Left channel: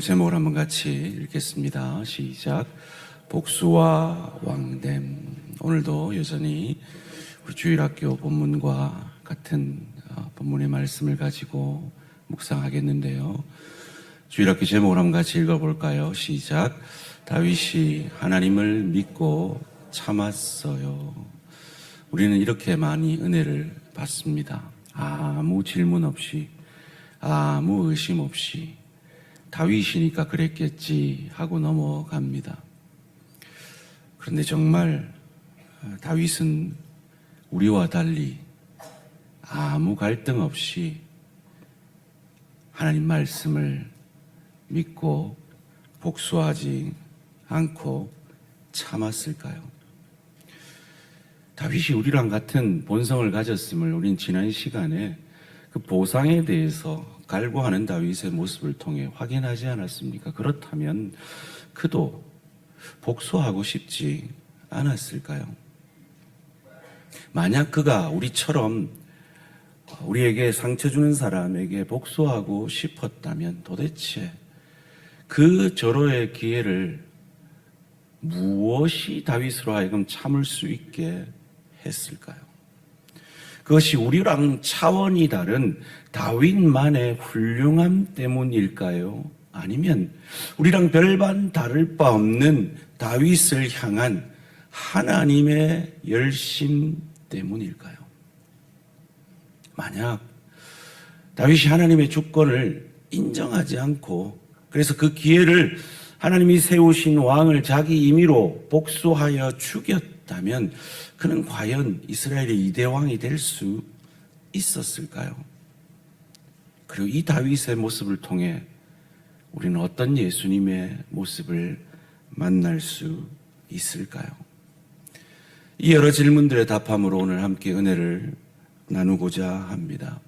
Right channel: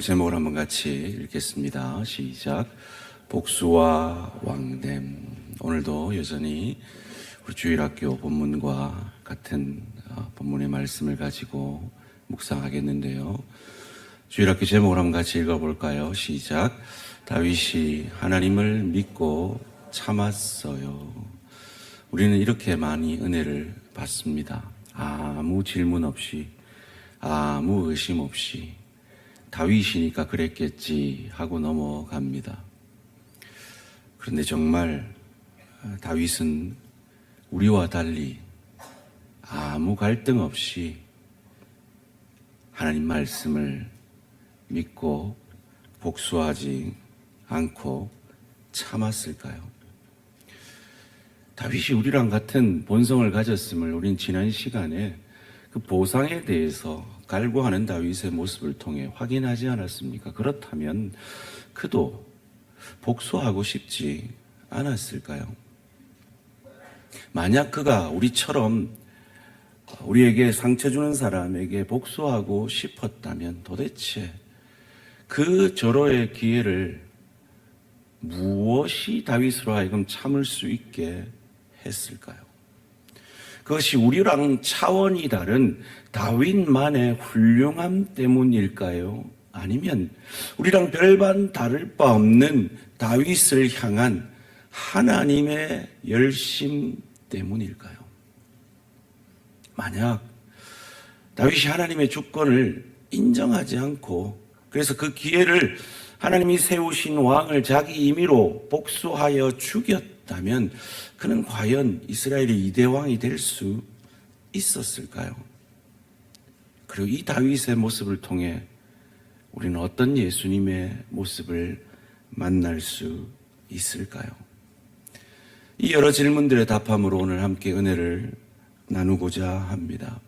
오늘 제목을 한번 같이 읽겠습니다. 시작. 복수와 왕됨. 오늘도 여전히 우리 주일학교 본문과 같은 본문의 말씀을 가지고 묵상하겠는데요. 주일학교 제목을 한번 같이 읽어볼까요? 시작. 다윗이 하나님을 믿고 참았어요. 우리는 이렇게 많이 은혜를 받습니다. 아무 질문 없이, 아무 의심 없이 다윗이니까 그랬겠지 하고 넘어갑니다. 그런데 정말 다윗은 우리와 달리 아무 갈등 없이 하나님 말씀을 믿고 복수하지 않고 참았을까요? 다윗이 우리랑 같은 본성을 가졌음을 우린 지난 시간에 그 보상에 대해서 갈구하는 다윗의 모습을 통해 확인하지 않았습니까? 그렇다면 그도 복수하고 싶지 않았을까요? 만약 그가 우리처럼 우리에게 상처 주는 사람에게 복수하고 싶었다면 도대체 그 절호의 기회를 무엇이 다윗으로 하여금 참을 수 있게 했을까요? 그것이 우리랑 차원이 다른 다윗만의 훌륭함 때문일까요? 아니면 우리랑 별반 다를 바 없는 다윗을 향한 하나님의 열심 때문일까요? 만약 다윗이 하나님의 주권을 인정하지 않고 그래서 그 기회를 하나님이 세우신 왕을 자기 임의로 복수하여 죽였다면 그는 과연 이스라엘의 2대 왕이 될 수 있었을까요? 그리고 이 다윗의 모습을 통해 우리는 어떤 예수님의 모습을 만날 수 있을까요? 이 여러 질문들의 답함으로 오늘 함께 은혜를 나누고자 합니다.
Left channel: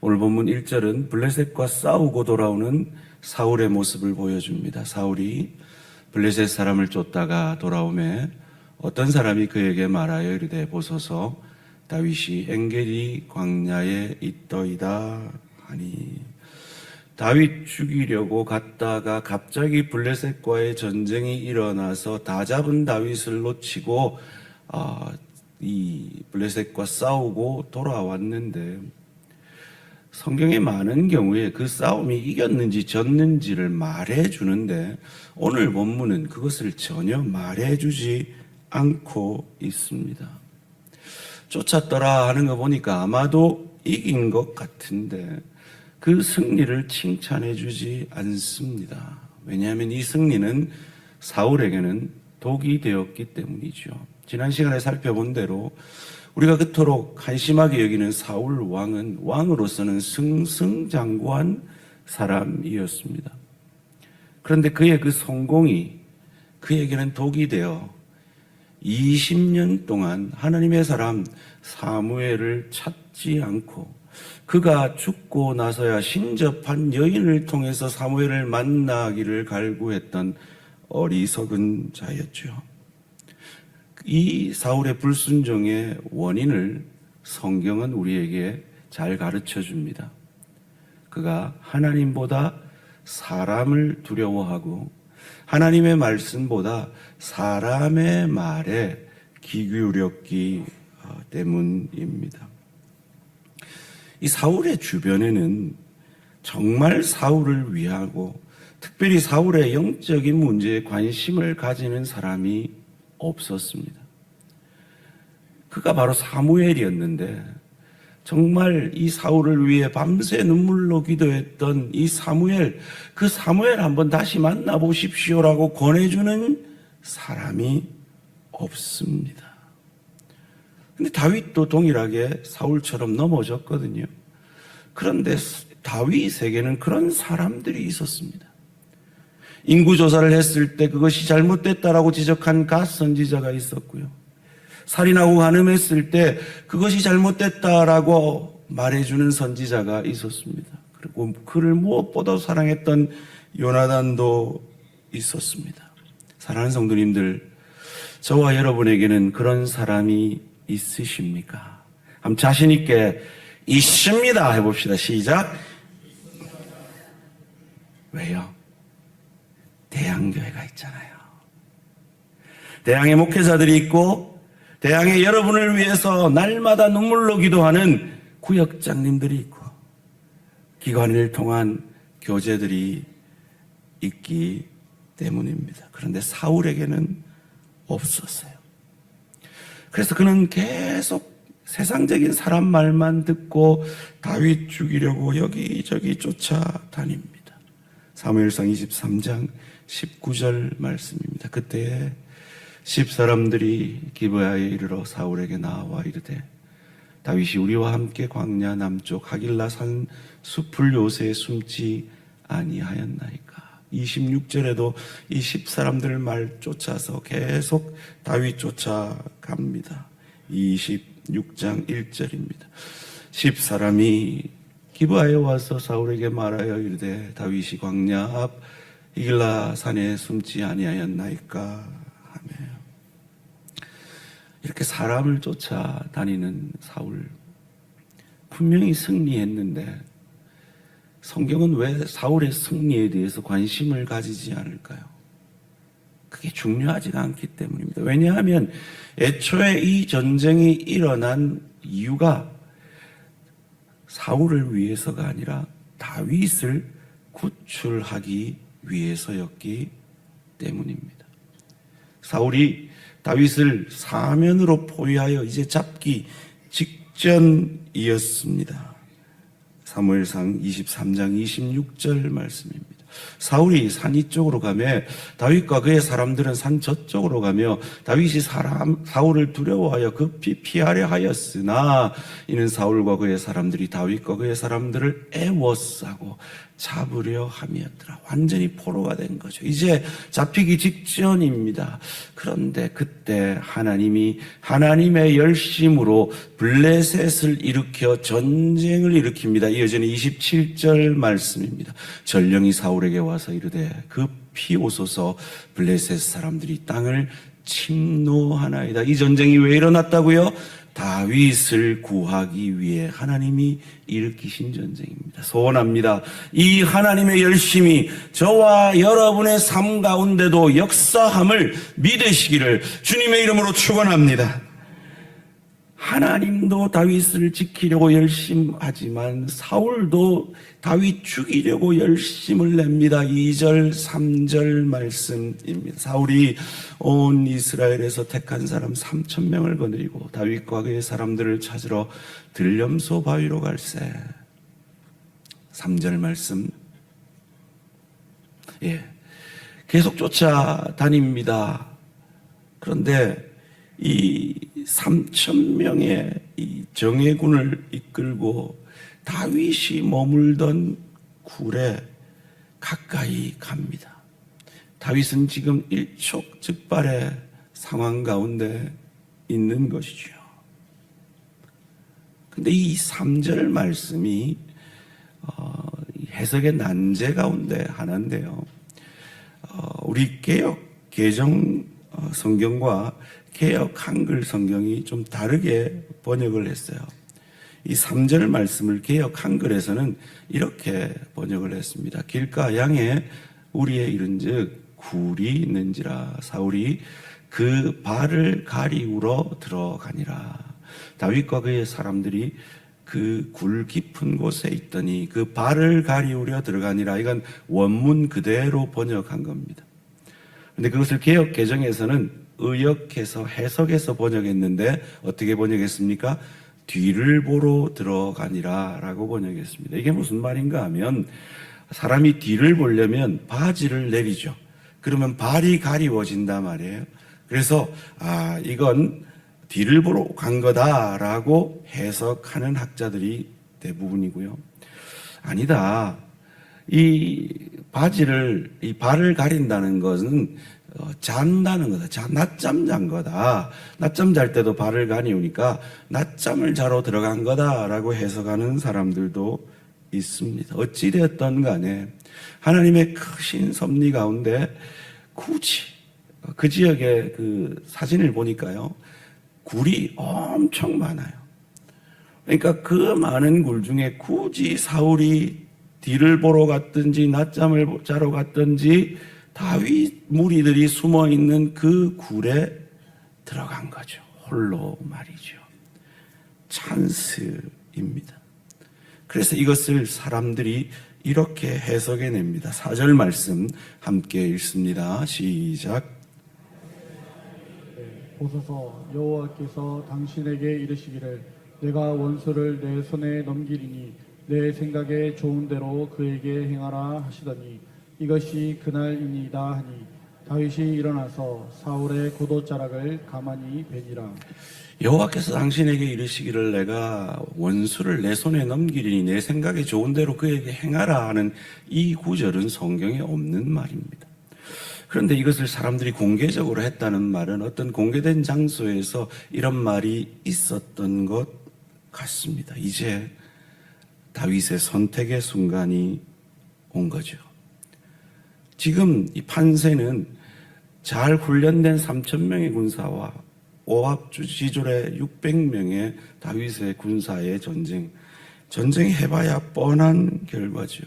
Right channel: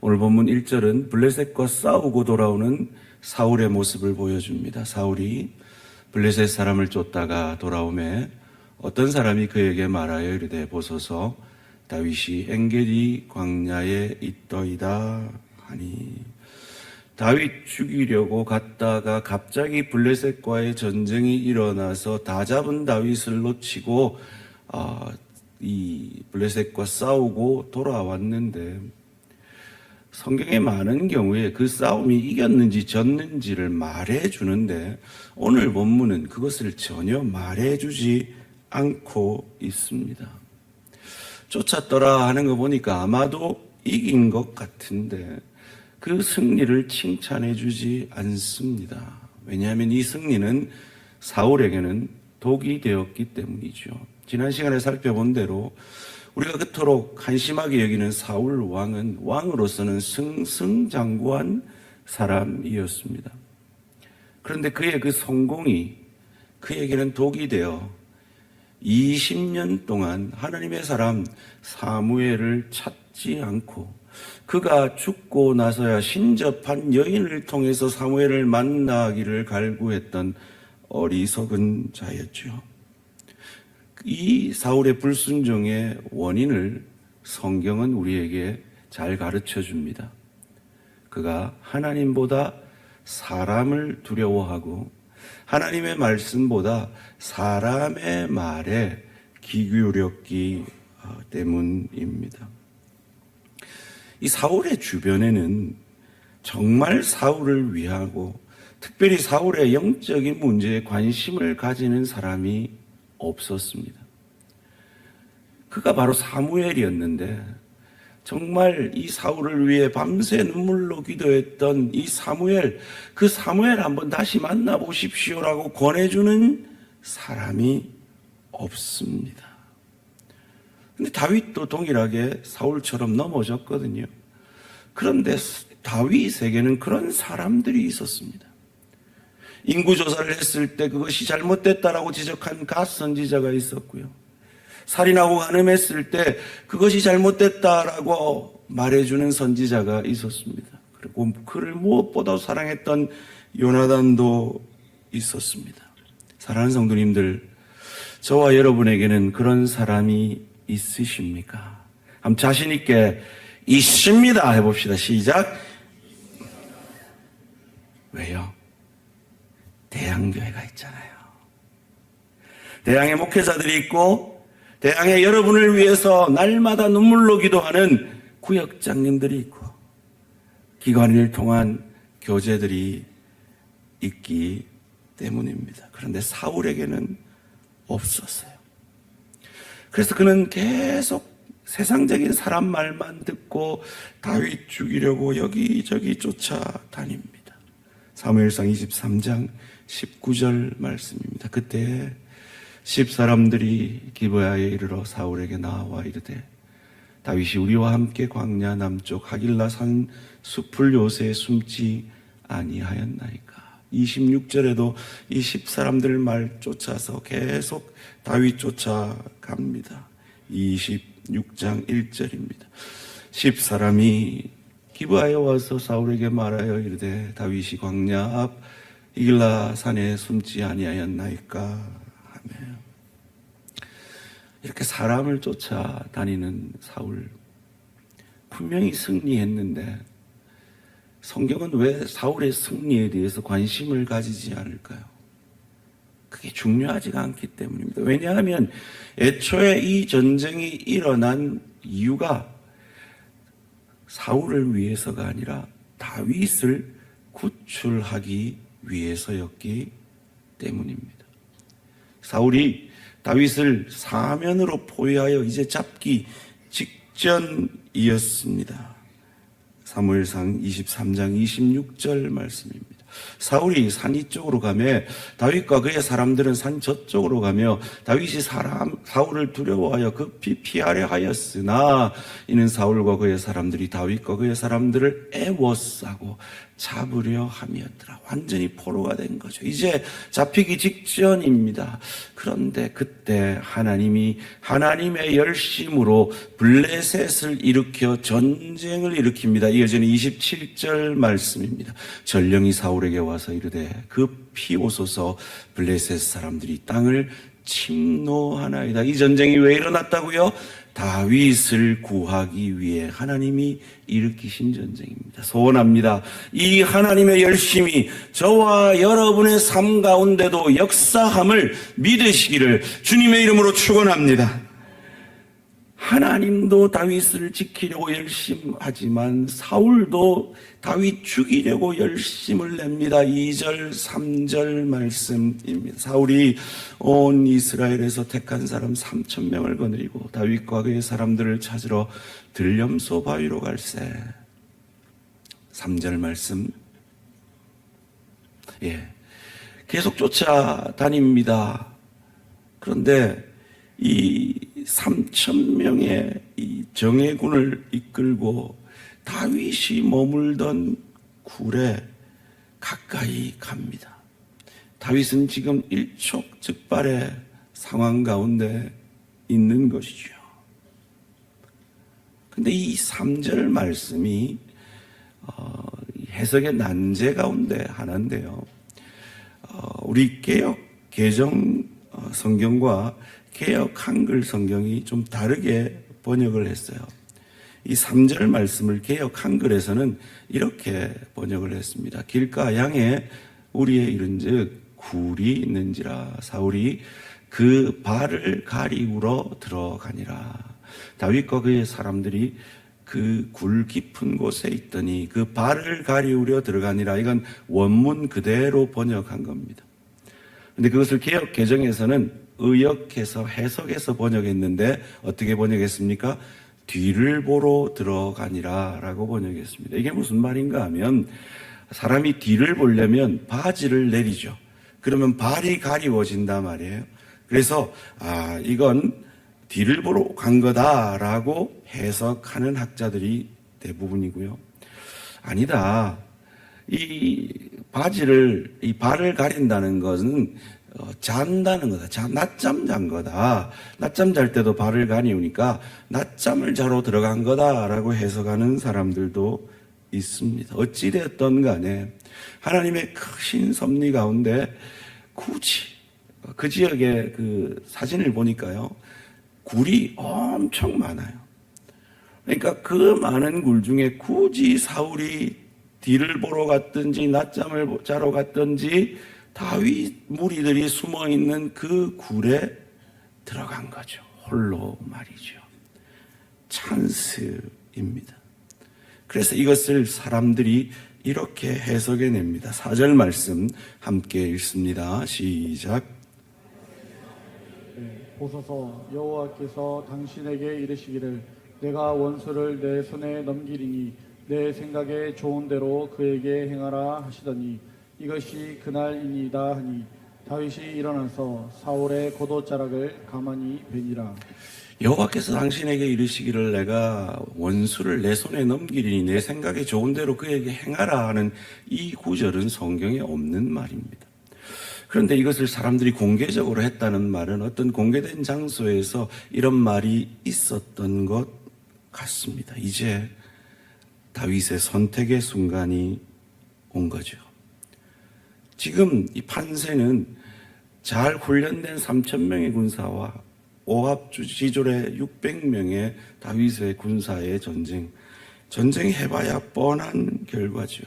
오늘 본문 1절은 블레셋과 싸우고 돌아오는 사울의 모습을 보여줍니다. 사울이 블레셋 사람을 쫓다가 돌아오매 어떤 사람이 그에게 말하여 이르되 보소서 다윗이 엔게디 광야에 있더이다 하니, 다윗 죽이려고 갔다가 갑자기 블레셋과의 전쟁이 일어나서 다 잡은 다윗을 놓치고 이 블레셋과 싸우고 돌아왔는데 성경에 많은 경우에 그 싸움이 이겼는지 졌는지를 말해주는데 오늘 본문은 그것을 전혀 말해주지 않고 있습니다. 쫓았더라 하는 거 보니까 아마도 이긴 것 같은데 그 승리를 칭찬해주지 않습니다. 왜냐하면 이 승리는 사울에게는 독이 되었기 때문이죠. 지난 시간에 살펴본 대로 우리가 그토록 한심하게 여기는 사울 왕은 왕으로서는 승승장구한 사람이었습니다. 그런데 그의 그 성공이 그에게는 독이 되어 20년 동안 하나님의 사람 사무엘을 찾지 않고 그가 죽고 나서야 신접한 여인을 통해서 사무엘을 만나기를 갈구했던 어리석은 자였죠. 이 사울의 불순종의 원인을 성경은 우리에게 잘 가르쳐 줍니다. 그가 하나님보다 사람을 두려워하고 하나님의 말씀보다 사람의 말에 귀 기울였기 때문입니다. 이 사울의 주변에는 정말 사울을 위하고 특별히 사울의 영적인 문제에 관심을 가지는 사람이 없었습니다. 그가 바로 사무엘이었는데 정말 이 사울을 위해 밤새 눈물로 기도했던 이 사무엘, 그 사무엘 한번 다시 만나보십시오라고 권해주는 사람이 없습니다. 근데 다윗도 동일하게 사울처럼 넘어졌거든요. 그런데 다윗에게는 그런 사람들이 있었습니다. 인구조사를 했을 때 그것이 잘못됐다라고 지적한 갓 선지자가 있었고요. 살인하고 간음했을 때 그것이 잘못됐다라고 말해주는 선지자가 있었습니다. 그리고 그를 무엇보다 사랑했던 요나단도 있었습니다. 사랑하는 성도님들, 저와 여러분에게는 그런 사람이 있으십니까? 한번 자신 있게 있습니다 해봅시다. 시작. 왜요? 대양교회가 있잖아요. 대양의 목회자들이 있고 대양의 여러분을 위해서 날마다 눈물로 기도하는 구역장님들이 있고 기관을 통한 교제들이 있기 때문입니다. 그런데 사울에게는 없었어요. 그래서 그는 계속 세상적인 사람 말만 듣고 다윗 죽이려고 여기저기 쫓아다닙니다. 사무엘상 23장 19절 말씀입니다. 그때 10사람들이 기브야에 이르러 사울에게 나와 이르되 다윗이 우리와 함께 광야 남쪽 하길라 산 숲을 요새에 숨지 아니하였나이까. 26절에도 이 10사람들 말 쫓아서 계속 다윗 쫓아갑니다. 26장 1절입니다. 10사람이 기브아에 와서 사울에게 말하여 이르되 다윗이 광야 앞 이길라 산에 숨지 아니하였나이까 하며 이렇게 사람을 쫓아다니는 사울 분명히 승리했는데 성경은 왜 사울의 승리에 대해서 관심을 가지지 않을까요? 그게 중요하지가 않기 때문입니다. 왜냐하면 애초에 이 전쟁이 일어난 이유가 사울을 위해서가 아니라 다윗을 구출하기 위해서였기 때문입니다. 사울이 다윗을 사면으로 포위하여 이제 잡기 직전이었습니다. 사무엘상 23장 26절 말씀입니다. 사울이 산 이쪽으로 가며 다윗과 그의 사람들은 산 저쪽으로 가며 다윗이 사울을 두려워하여 급히 피하려 하였으나 이는 사울과 그의 사람들이 다윗과 그의 사람들을 애워싸고 잡으려 함이었더라. 완전히 포로가 된 거죠. 이제 잡히기 직전입니다. 그런데 그때 하나님이 하나님의 열심으로 블레셋을 일으켜 전쟁을 일으킵니다. 이어지는 27절 말씀입니다. 전령이 사울에게 와서 이르되 급히 오소서 블레셋 사람들이 땅을 침노하나이다. 이 전쟁이 왜 일어났다고요? 다윗을 구하기 위해 하나님이 일으키신 전쟁입니다. 소원합니다. 이 하나님의 열심이 저와 여러분의 삶 가운데도 역사함을 믿으시기를 주님의 이름으로 축원합니다. 하나님도 다윗을 지키려고 열심하지만 사울도 다윗 죽이려고 열심을 냅니다. 2절 3절 말씀입니다. 사울이 온 이스라엘에서 택한 사람 3,000명을 거느리고 다윗과 그의 사람들을 찾으러 들염소 바위로 갈새. 3절 말씀. 계속 쫓아다닙니다. 그런데 이 3,000명의 이 정예군을 이끌고 다윗이 머물던 굴에 가까이 갑니다. 다윗은 지금 일촉즉발의 상황 가운데 있는 것이죠. 근데 이 3절 말씀이 해석의 난제 가운데 하나인데요. 우리 개역 개정 성경과 개역 한글 성경이 좀 다르게 번역을 했어요. 이 3절 말씀을 개역 한글에서는 이렇게 번역을 했습니다. 길가 양에 우리의 이른즉 굴이 있는지라 사울이 그 발을 가리우러 들어가니라. 다윗과 그의 사람들이 그 굴 깊은 곳에 있더니 그 발을 가리우려 들어가니라. 이건 원문 그대로 번역한 겁니다. 근데 그것을 개역 개정에서는 의역해서 해석해서 번역했는데 어떻게 번역했습니까? 뒤를 보러 들어가니라 라고 번역했습니다. 이게 무슨 말인가 하면 사람이 뒤를 보려면 바지를 내리죠. 그러면 발이 가리워진단 말이에요. 그래서 이건 뒤를 보러 간 거다라고 해석하는 학자들이 대부분이고요. 아니다. 이 발을 가린다는 것은 잔다는 거다. 낮잠 잔 거다. 낮잠 잘 때도 발을 가리우니까 낮잠을 자러 들어간 거다라고 해석하는 사람들도 있습니다. 어찌되었던 간에 하나님의 크신 섭리 가운데 굳이 그 지역의 그 사진을 보니까요, 굴이 엄청 많아요. 그러니까 그 많은 굴 중에 굳이 사울이 뒤를 보러 갔든지 낮잠을 자러 갔든지 다윗 무리들이 숨어 있는 그 굴에 들어간 거죠. 홀로 말이죠. 찬스입니다. 그래서 이것을 사람들이 이렇게 해석해 냅니다. 4절 말씀 함께 읽습니다. 시작. 보소서, 여호와께서 당신에게 이르시기를 내가 원수를 내 손에 넘기리니 내 생각에 좋은 대로 그에게 행하라 하시더니 이것이 그날이니이다 하니 다윗이 일어나서 사울의 겉옷자락을 가만히 베니라. 여호와께서 당신에게 이르시기를 내가 원수를 내 손에 넘기리니 내 생각에 좋은 대로 그에게 행하라 하는 이 구절은 성경에 없는 말입니다. 그런데 이것을 사람들이 공개적으로 했다는 말은 어떤 공개된 장소에서 이런 말이 있었던 것 같습니다. 이제 다윗의 선택의 순간이 온 거죠. 지금 이 판세는 잘 훈련된 3,000명의 군사와 오합 지졸의 600명의 다윗의 군사의 전쟁이 해봐야 뻔한 결과죠.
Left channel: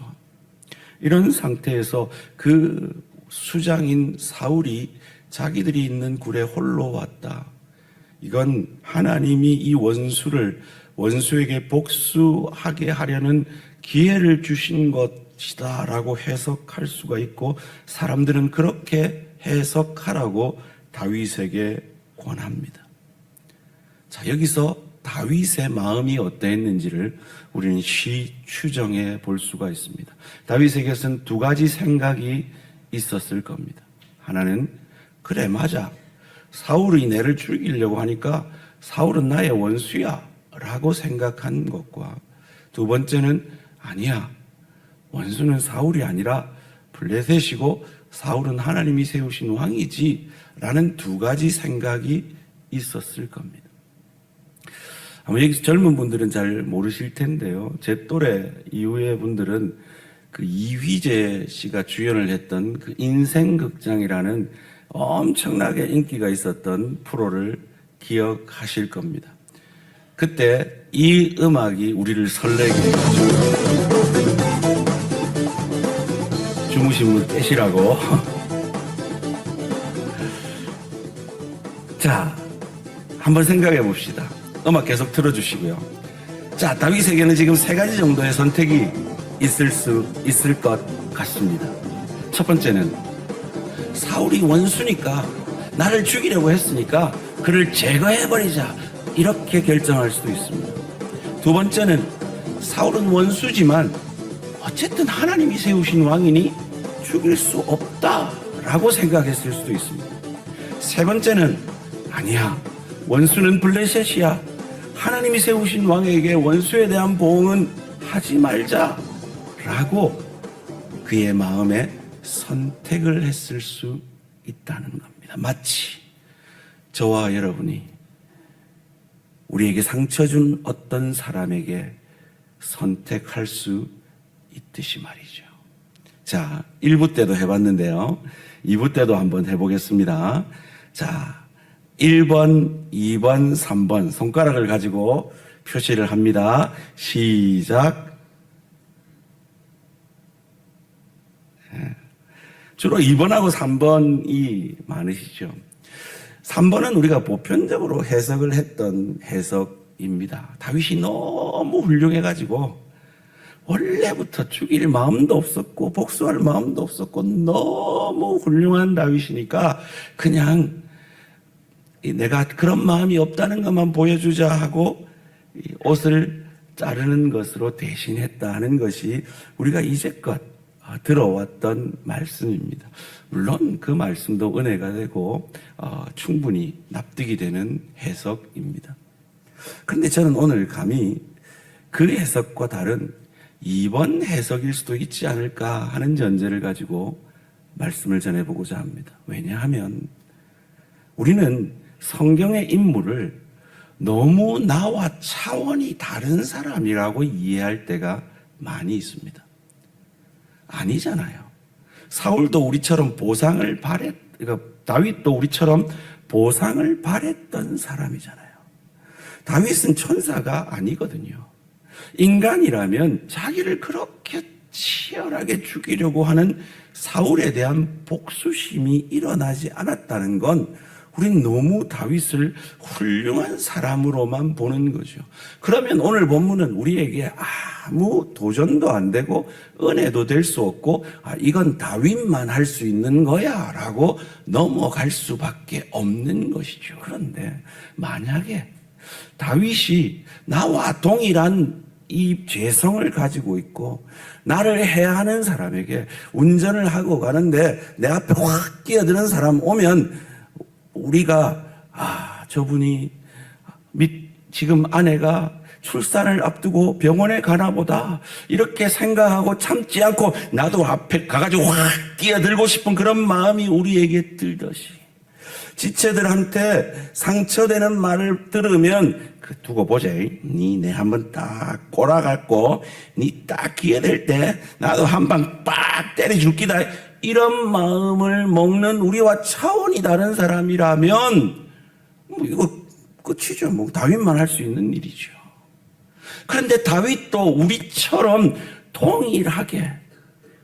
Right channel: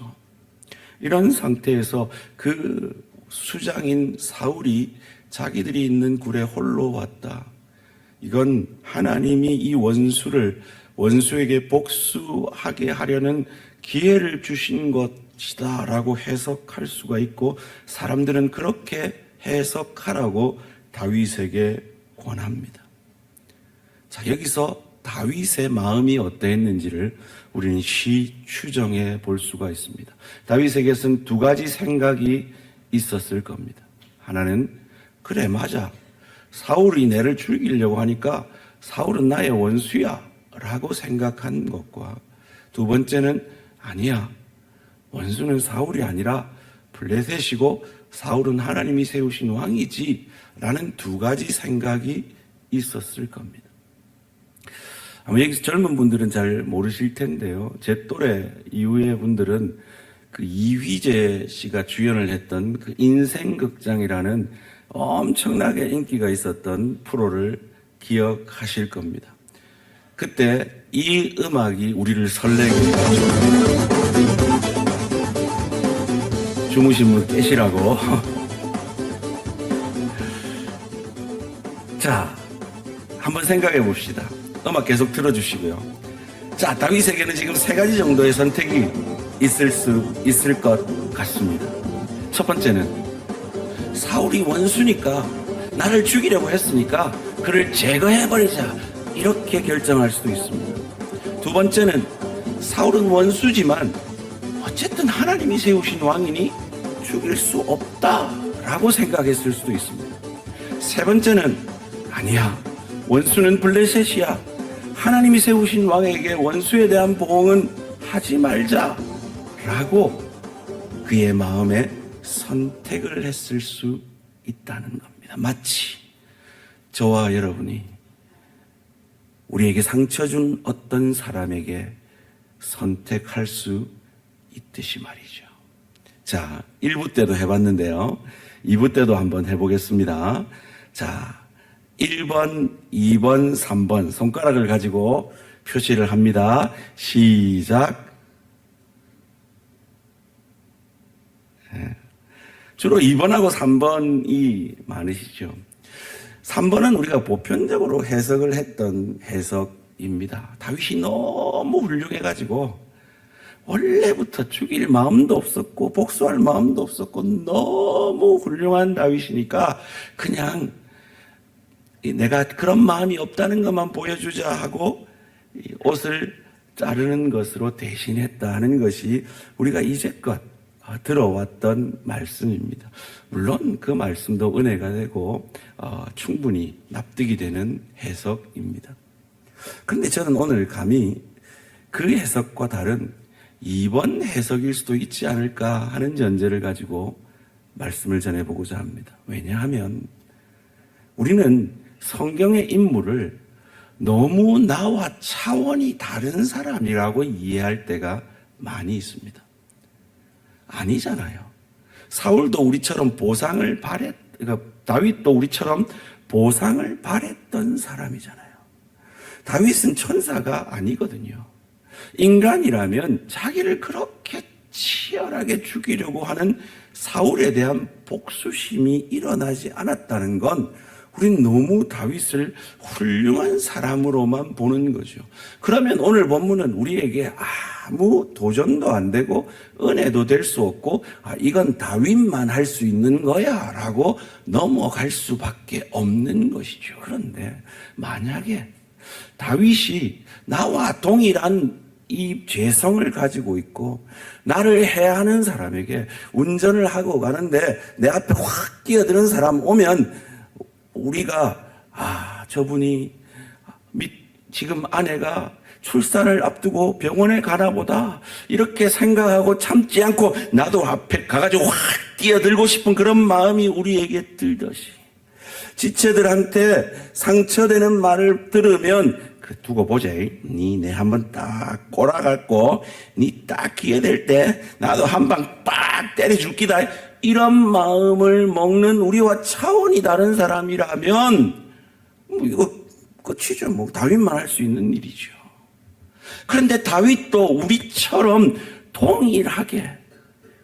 이런 상태에서 그 수장인 사울이 자기들이 있는 굴에 홀로 왔다. 이건 하나님이 이 원수에게 복수하게 하려는 기회를 주신 것이다 라고 해석할 수가 있고, 사람들은 그렇게 해석하라고 다윗에게 권합니다. 자, 여기서 다윗의 마음이 어떠했는지를 우리는 추정해 볼 수가 있습니다. 다윗에게서는 두 가지 생각이 있었을 겁니다. 하나는, 그래 맞아, 사울이 내를 죽이려고 하니까 사울은 나의 원수야 라고 생각한 것과, 두 번째는 아니야, 원수는 사울이 아니라 블레셋이고 사울은 하나님이 세우신 왕이지 라는 두 가지 생각이 있었을 겁니다. 아마 여기서 젊은 분들은 잘 모르실 텐데요, 제 또래 이후의 분들은 그 이휘재 씨가 주연을 했던 그 인생극장이라는 엄청나게 인기가 있었던 프로를 기억하실 겁니다. 그때 이 음악이 우리를 설레게 했죠. 주무신 분 깨시라고. 자, 한번 생각해 봅시다. 음악 계속 틀어주시고요. 자, 다윗에게는 지금 세 가지 정도의 선택이 있을 것 같습니다. 첫 번째는, 사울이 원수니까, 나를 죽이려고 했으니까 그를 제거해버리자, 이렇게 결정할 수도 있습니다. 두 번째는, 사울은 원수지만 어쨌든 하나님이 세우신 왕이니 죽일 수 없다라고 생각했을 수도 있습니다. 세 번째는, 아니야, 원수는 블레셋이야, 하나님이 세우신 왕에게 원수에 대한 보응은 하지 말자 라고 그의 마음에 선택을 했을 수 있다는 겁니다. 마치 저와 여러분이 우리에게 상처 준 어떤 사람에게 선택할 수 있듯이 말이죠. 자, 1부 때도 해봤는데요, 2부 때도 한번 해보겠습니다. 자, 1번, 2번, 3번 손가락을 가지고 표시를 합니다. 시작. 주로 2번하고 3번이 많으시죠. 3번은 우리가 보편적으로 해석을 했던 해석입니다. 다윗이 너무 훌륭해가지고 원래부터 죽일 마음도 없었고 복수할 마음도 없었고 너무 훌륭한 다윗이니까 그냥 내가 그런 마음이 없다는 것만 보여주자 하고 옷을 자르는 것으로 대신했다 하는 것이 우리가 이제껏 들어왔던 말씀입니다. 물론 그 말씀도 은혜가 되고 충분히 납득이 되는 해석입니다. 그런데 저는 오늘 감히 그 해석과 다른 2번 해석일 수도 있지 않을까 하는 전제를 가지고 말씀을 전해보고자 합니다. 왜냐하면 우리는 성경의 인물을 너무 나와 차원이 다른 사람이라고 이해할 때가 많이 있습니다. 아니잖아요. 사울도 우리처럼 그러니까 다윗도 우리처럼 보상을 바랬던 사람이잖아요. 다윗은 천사가 아니거든요. 인간이라면 자기를 그렇게 치열하게 죽이려고 하는 사울에 대한 복수심이 일어나지 않았다는 건 우린 너무 다윗을 훌륭한 사람으로만 보는 거죠. 그러면 오늘 본문은 우리에게 아무 도전도 안 되고 은혜도 될 수 없고 이건 다윗만 할 수 있는 거야 라고 넘어갈 수밖에 없는 것이죠. 그런데 만약에 다윗이 나와 동일한 이 죄성을 가지고 있고 나를 해하는 사람에게 운전을 하고 가는데 내 앞에 확 끼어드는 사람 오면 우리가 저분이 지금 아내가 출산을 앞두고 병원에 가나 보다 이렇게 생각하고 참지 않고 나도 앞에 가가지고 확 뛰어들고 싶은 그런 마음이 우리에게 들듯이 지체들한테 상처되는 말을 들으면 두고 보자. 니 내 한번 딱 꼬라갖고 니 딱 기회 될 때 나도 한 방 빡 때려줄 기다. 이런 마음을 먹는 우리와 차원이 다른 사람이라면 이거 끝이죠. 다윗만 할 수 있는 일이죠. 그런데 다윗도 우리처럼 동일하게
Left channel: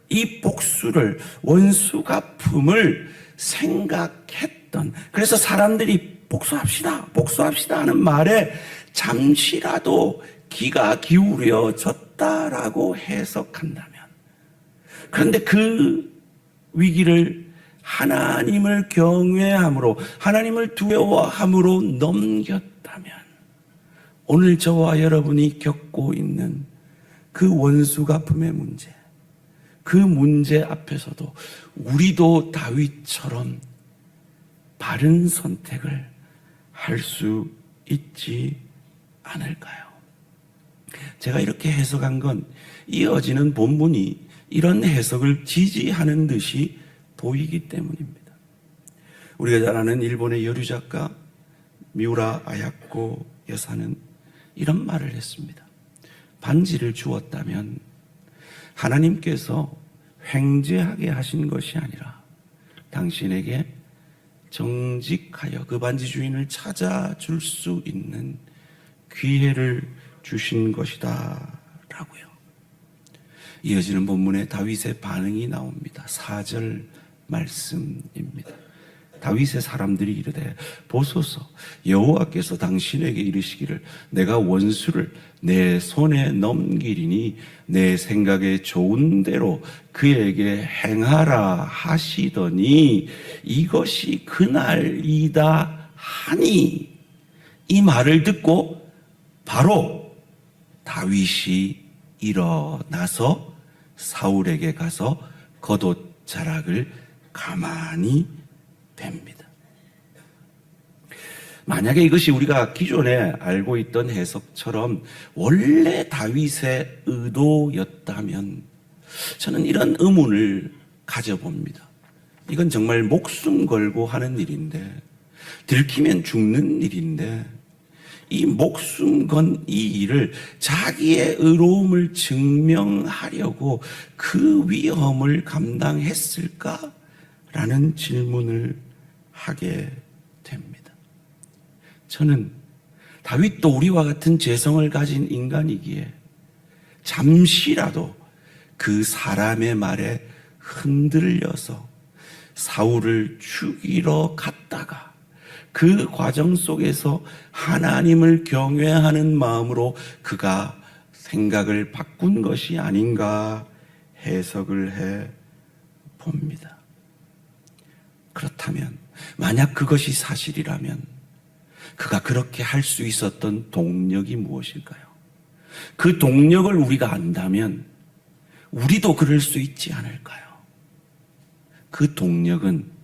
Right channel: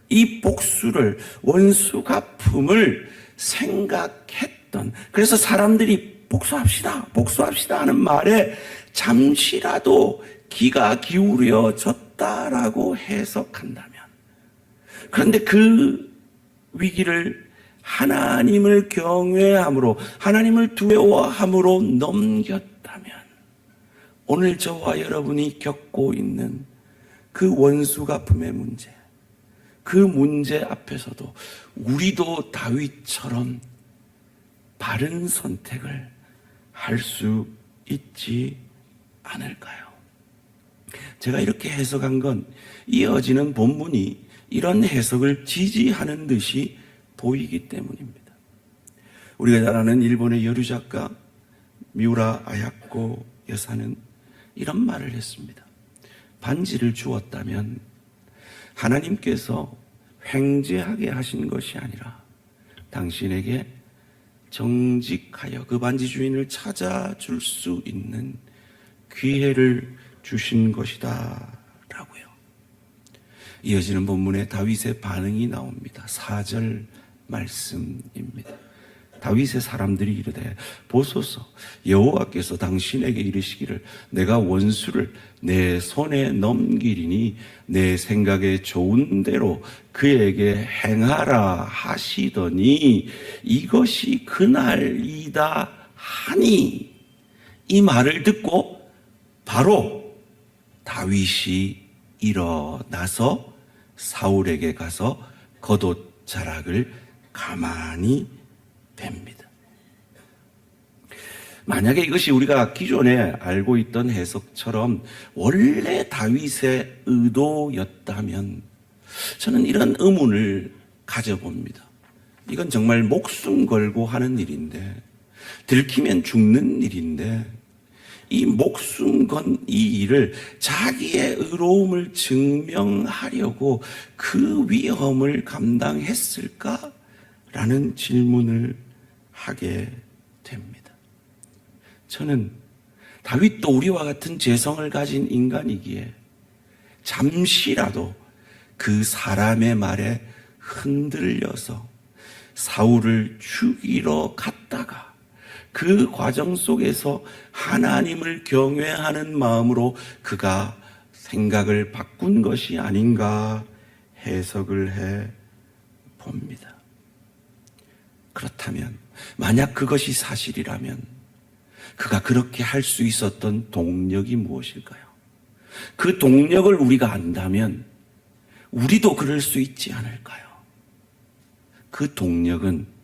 이 복수를 원수 갚음을 생각했던, 그래서 사람들이 복수합시다 하는 말에 잠시라도 귀가 기울여졌다라고 해석한다면, 그런데 그 위기를 하나님을 경외함으로, 하나님을 두려워함으로 넘겼다면, 오늘 저와 여러분이 겪고 있는 그 원수 갚음의 문제, 그 문제 앞에서도 우리도 다윗처럼 바른 선택을 할 수 있지 않을까요? 제가 이렇게 해석한 건 이어지는 본문이 이런 해석을 지지하는 듯이 보이기 때문입니다. 우리가 잘 아는 일본의 여류 작가 미우라 아야코 여사는 이런 말을 했습니다. 반지를 주었다면 하나님께서 횡재하게 하신 것이 아니라 당신에게 정직하여 그 반지 주인을 찾아줄 수 있는 기회를 주신 것이다 라고요. 이어지는 본문에 다윗의 반응이 나옵니다. 4절 말씀입니다. 다윗의 사람들이 이르되 보소서, 여호와께서 당신에게 이르시기를 내가 원수를 내 손에 넘기리니 내 생각에 좋은 대로 그에게 행하라 하시더니 이것이 그날이다 하니, 이 말을 듣고 바로 다윗이 일어나서 사울에게 가서 겉옷 자락을 가만히 뺍니다. 만약에 이것이 우리가 기존에 알고 있던 해석처럼 원래 다윗의 의도였다면 저는 이런 의문을 가져봅니다. 이건 정말 목숨 걸고 하는 일인데, 들키면 죽는 일인데, 이 목숨 건 이 일을 자기의 의로움을 증명하려고 그 위험을 감당했을까라는 질문을 하게 됩니다. 저는 다윗도 우리와 같은 죄성을 가진 인간이기에 잠시라도 그 사람의 말에 흔들려서 사울을 죽이러 갔다가 그 과정 속에서 하나님을 경외하는 마음으로 그가 생각을 바꾼 것이 아닌가 해석을 해 봅니다. 그렇다면, 만약 그것이 사실이라면 그가 그렇게 할 수 있었던 동력이 무엇일까요? 그 동력을 우리가 안다면 우리도 그럴 수 있지 않을까요? 그 동력은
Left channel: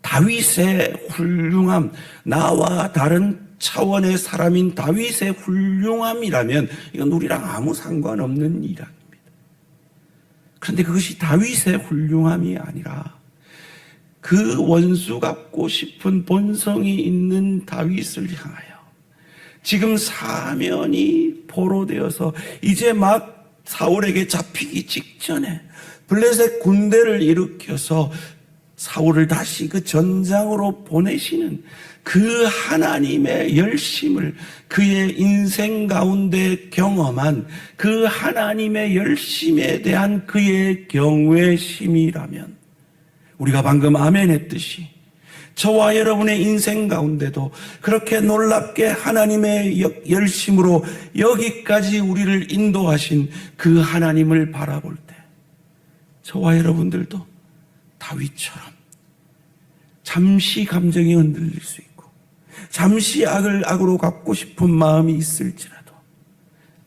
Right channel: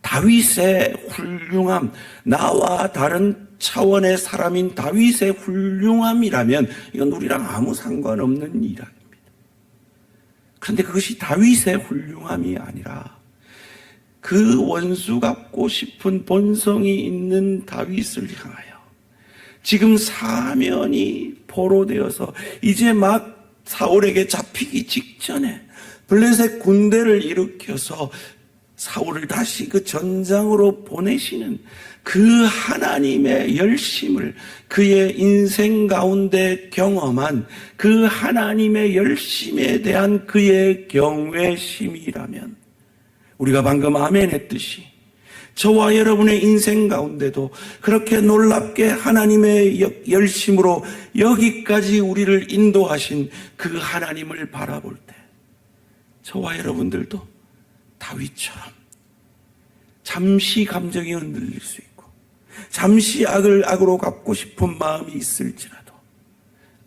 다윗의 훌륭함, 나와 다른 차원의 사람인 다윗의 훌륭함이라면 이건 우리랑 아무 상관없는 이야기입니다. 그런데 그것이 다윗의 훌륭함이 아니라 그 원수 갚고 싶은 본성이 있는 다윗을 향하여 지금 사면이 포로되어서 이제 막 사울에게 잡히기 직전에 블레셋 군대를 일으켜서 사울을 다시 그 전장으로 보내시는 그 하나님의 열심을 그의 인생 가운데 경험한 그 하나님의 열심에 대한 그의 경외심이라면 우리가 방금 아멘 했듯이 저와 여러분의 인생 가운데도 그렇게 놀랍게 하나님의 열심으로 여기까지 우리를 인도하신 그 하나님을 바라볼 때 저와 여러분들도 다윗처럼 잠시 감정이 흔들릴 수 있고 잠시 악을 악으로 갚고 싶은 마음이 있을지라도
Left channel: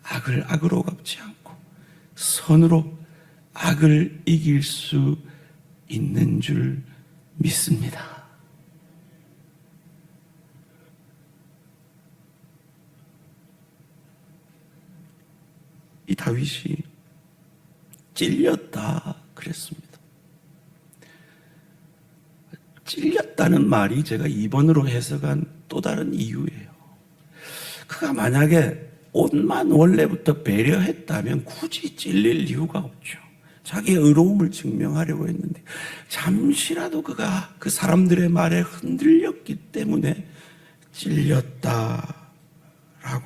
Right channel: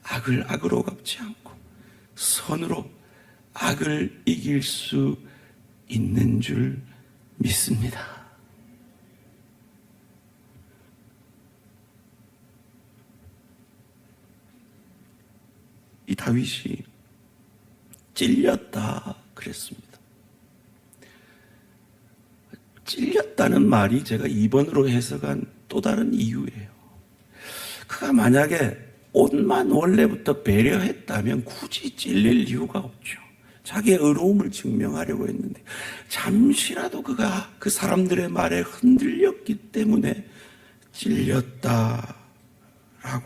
악을 악으로 갚지 않고 선으로 악을 이길 수 있는 줄 믿습니다. 이 다윗이 찔렸다 그랬습니다. 찔렸다는 말이 제가 2번으로 해석한 또 다른 이유예요. 그가 만약에 옷만 원래부터 배려했다면 굳이 찔릴 이유가 없죠. 자기의 의로움을 증명하려고 했는데 잠시라도 그가 그 사람들의 말에 흔들렸기 때문에 찔렸다라고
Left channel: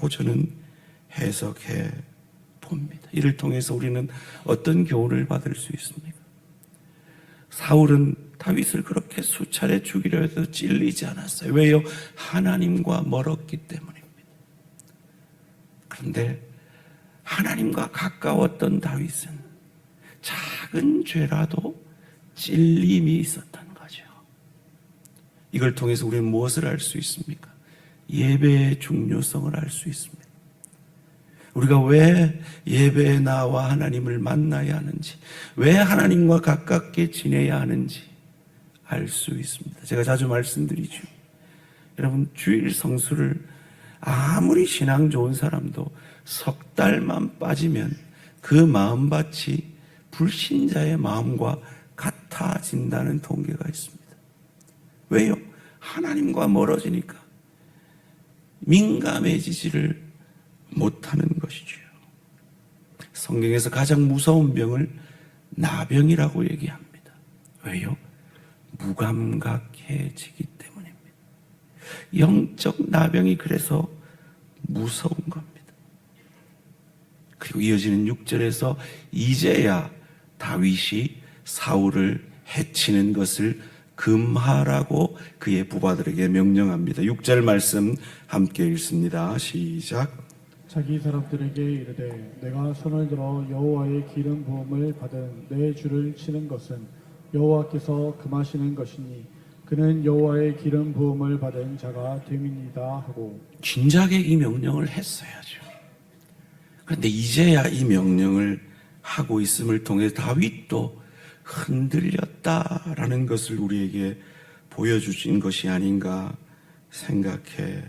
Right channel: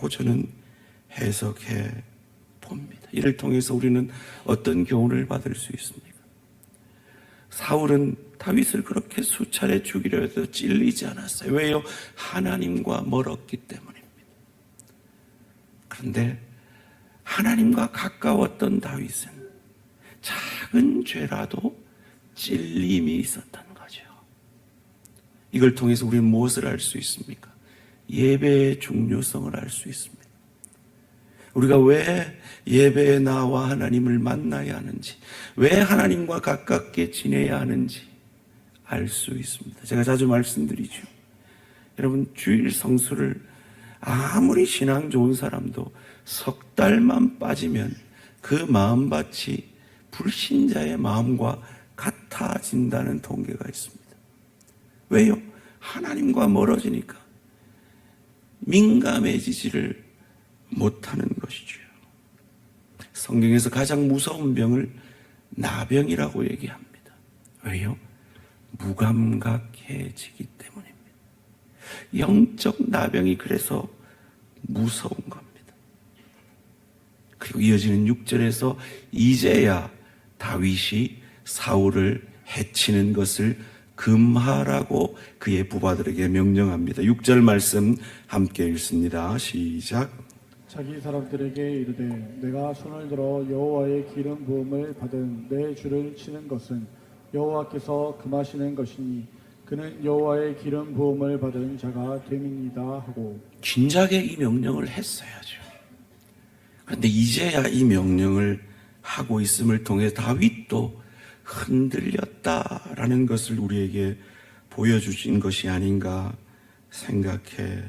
저는 해석해 봅니다. 이를 통해서 우리는 어떤 교훈을 받을 수 있습니까? 사울은 다윗을 그렇게 수차례 죽이려 해도 찔리지 않았어요. 왜요? 하나님과 멀었기 때문입니다. 그런데 하나님과 가까웠던 다윗은 작은 죄라도 찔림이 있었던 거죠. 이걸 통해서 우리는 무엇을 알 수 있습니까? 예배의 중요성을 알 수 있습니다. 우리가 왜 예배에 나와 하나님을 만나야 하는지, 왜 하나님과 가깝게 지내야 하는지 알 수 있습니다. 제가 자주 말씀드리죠. 여러분, 주일 성수를 아무리 신앙 좋은 사람도 석 달만 빠지면 그 마음밭이 불신자의 마음과 같아진다는 통계가 있습니다. 왜요? 하나님과 멀어지니까 민감해지지를 못하는 것이죠. 성경에서 가장 무서운 병을 나병이라고 얘기합니다. 왜요? 무감각해지기 때문입니다. 영적 나병이 그래서 무서운 겁니다. 그리고 이어지는 6절에서 이제야 다윗이 사울을 해치는 것을 금하라고 그의 부하들에게 명령합니다. 6절 말씀 함께 읽습니다. 시작. 자기 사람들에게 이르되 내가 손을 들어 여호와의 기름 부음을 받은 내 주를 치는 것은 여호와께서 금하시는 것이니 그는 여호와의 기름 부음을 받은 자가 됨이니이다 하고 진작에 이 명령을 했어야죠. 그런데 이제야 이 명령을 하고 있음을 통해 다윗도 흔들렸다라는 것을 우리에게 보여주신 것이 아닌가 생각해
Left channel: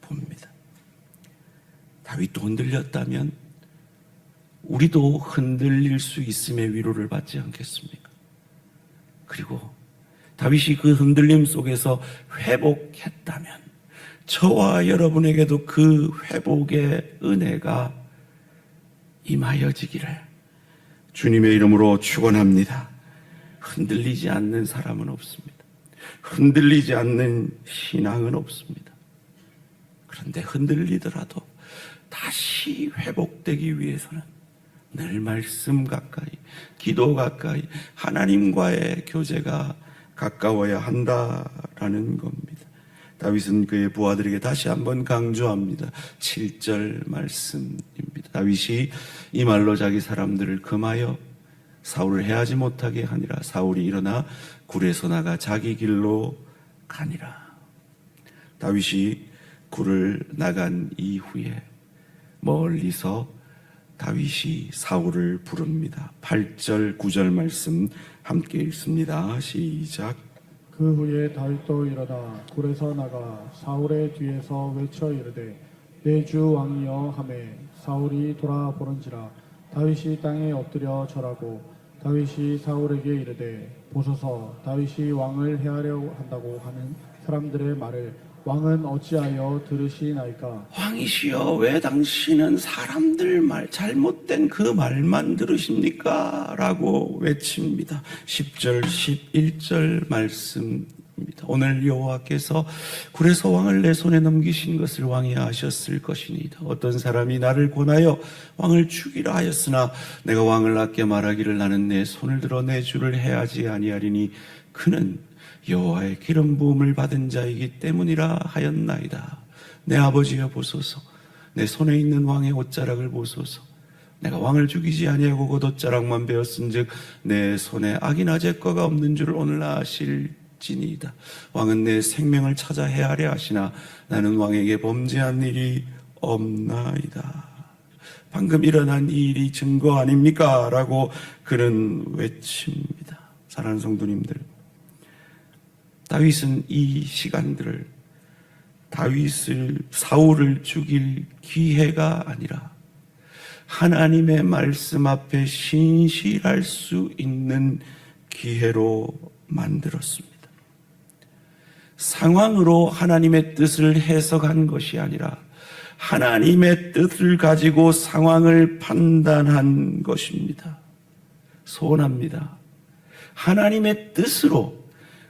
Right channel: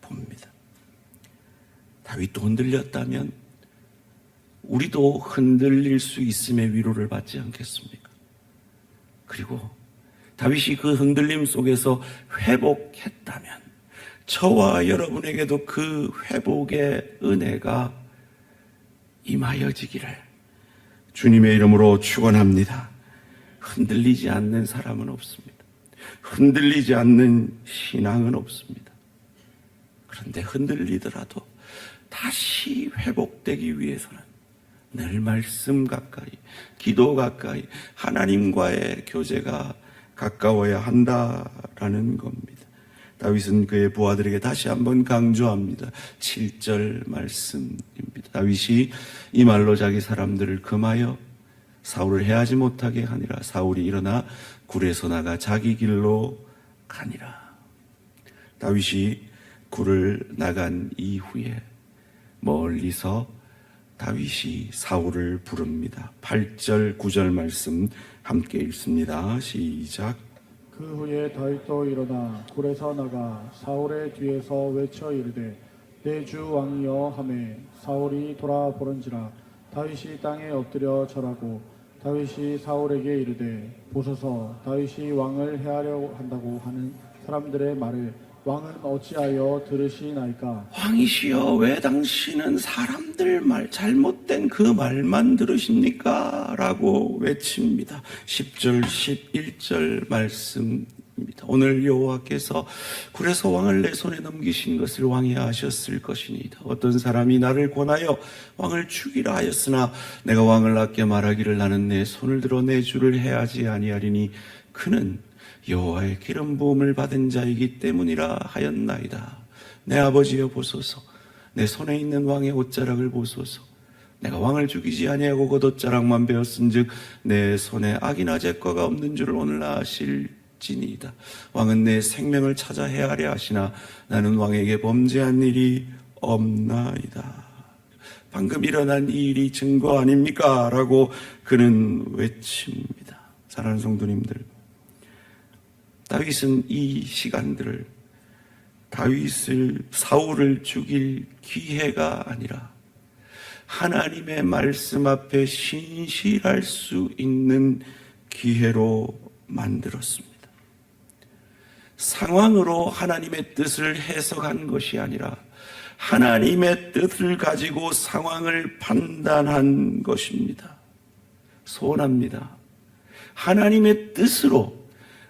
봅니다. 다윗도 흔들렸다면 우리도 흔들릴 수 있음의 위로를 받지 않겠습니까? 그리고 다윗이 그 흔들림 속에서 회복했다면 저와 여러분에게도 그 회복의 은혜가 임하여지기를 주님의 이름으로 축원합니다. 흔들리지 않는 사람은 없습니다. 흔들리지 않는 신앙은 없습니다. 그런데 흔들리더라도 다시 회복되기 위해서는 늘 말씀 가까이, 기도 가까이, 하나님과의 교제가 가까워야 한다라는 겁니다. 다윗은 그의 부하들에게 다시 한번 강조합니다. 7절 말씀입니다. 다윗이 이 말로 자기 사람들을 금하여 사울을 해하지 못하게 하니라. 사울이 일어나 굴에서 나가 자기 길로 가니라. 다윗이 굴을 나간 이후에 멀리서 다윗이 사울을 부릅니다. 8절 9절 말씀 함께 읽습니다. 시작. 그 후에 다윗도 일어나 굴에서 나가 사울의 뒤에서 외쳐 이르되 내 주 왕이여 하매 사울이 돌아보는지라 다윗이 땅에 엎드려 절하고 다윗이 사울에게 이르되 보소서 다윗이 왕을 해하려 한다고 하는 사람들의 말을 왕은 어찌하여 들으시나이까? 왕이시여 왜 당신은 사람들 말 잘못된 그 말만 들으십니까? 라고 외칩니다. 10절 11절 말씀입니다. 오늘 여호와께서 굴에서 왕을 내 손에 넘기신 것을 왕이 아셨을 것이니이다. 어떤 사람이 나를 권하여 왕을 죽이라 하였으나 내가 왕을 아껴 말하기를 나는 내 손을 들어 내 주를 해하지 아니하리니 그는 여호와의 기름 부음을 받은 자이기 때문이라 하였나이다. 내 아버지여 보소서, 내 손에 있는 왕의 옷자락을 보소서. 내가 왕을 죽이지 아니하고 곧 옷자락만 베었은즉 내 손에 악이나 죄과가 없는 줄을 오늘 아실지니이다. 왕은 내 생명을 찾아 해하려 하시나 나는 왕에게 범죄한 일이 없나이다. 방금 일어난 이 일이 증거 아닙니까? 라고 그는 외칩니다. 사랑하는 성도님들, 다윗은 이 시간들을 사울을 죽일 기회가 아니라 하나님의 말씀 앞에 신실할 수 있는 기회로 만들었습니다. 상황으로 하나님의 뜻을 해석한 것이 아니라 하나님의 뜻을 가지고 상황을 판단한 것입니다. 소원합니다. 하나님의 뜻으로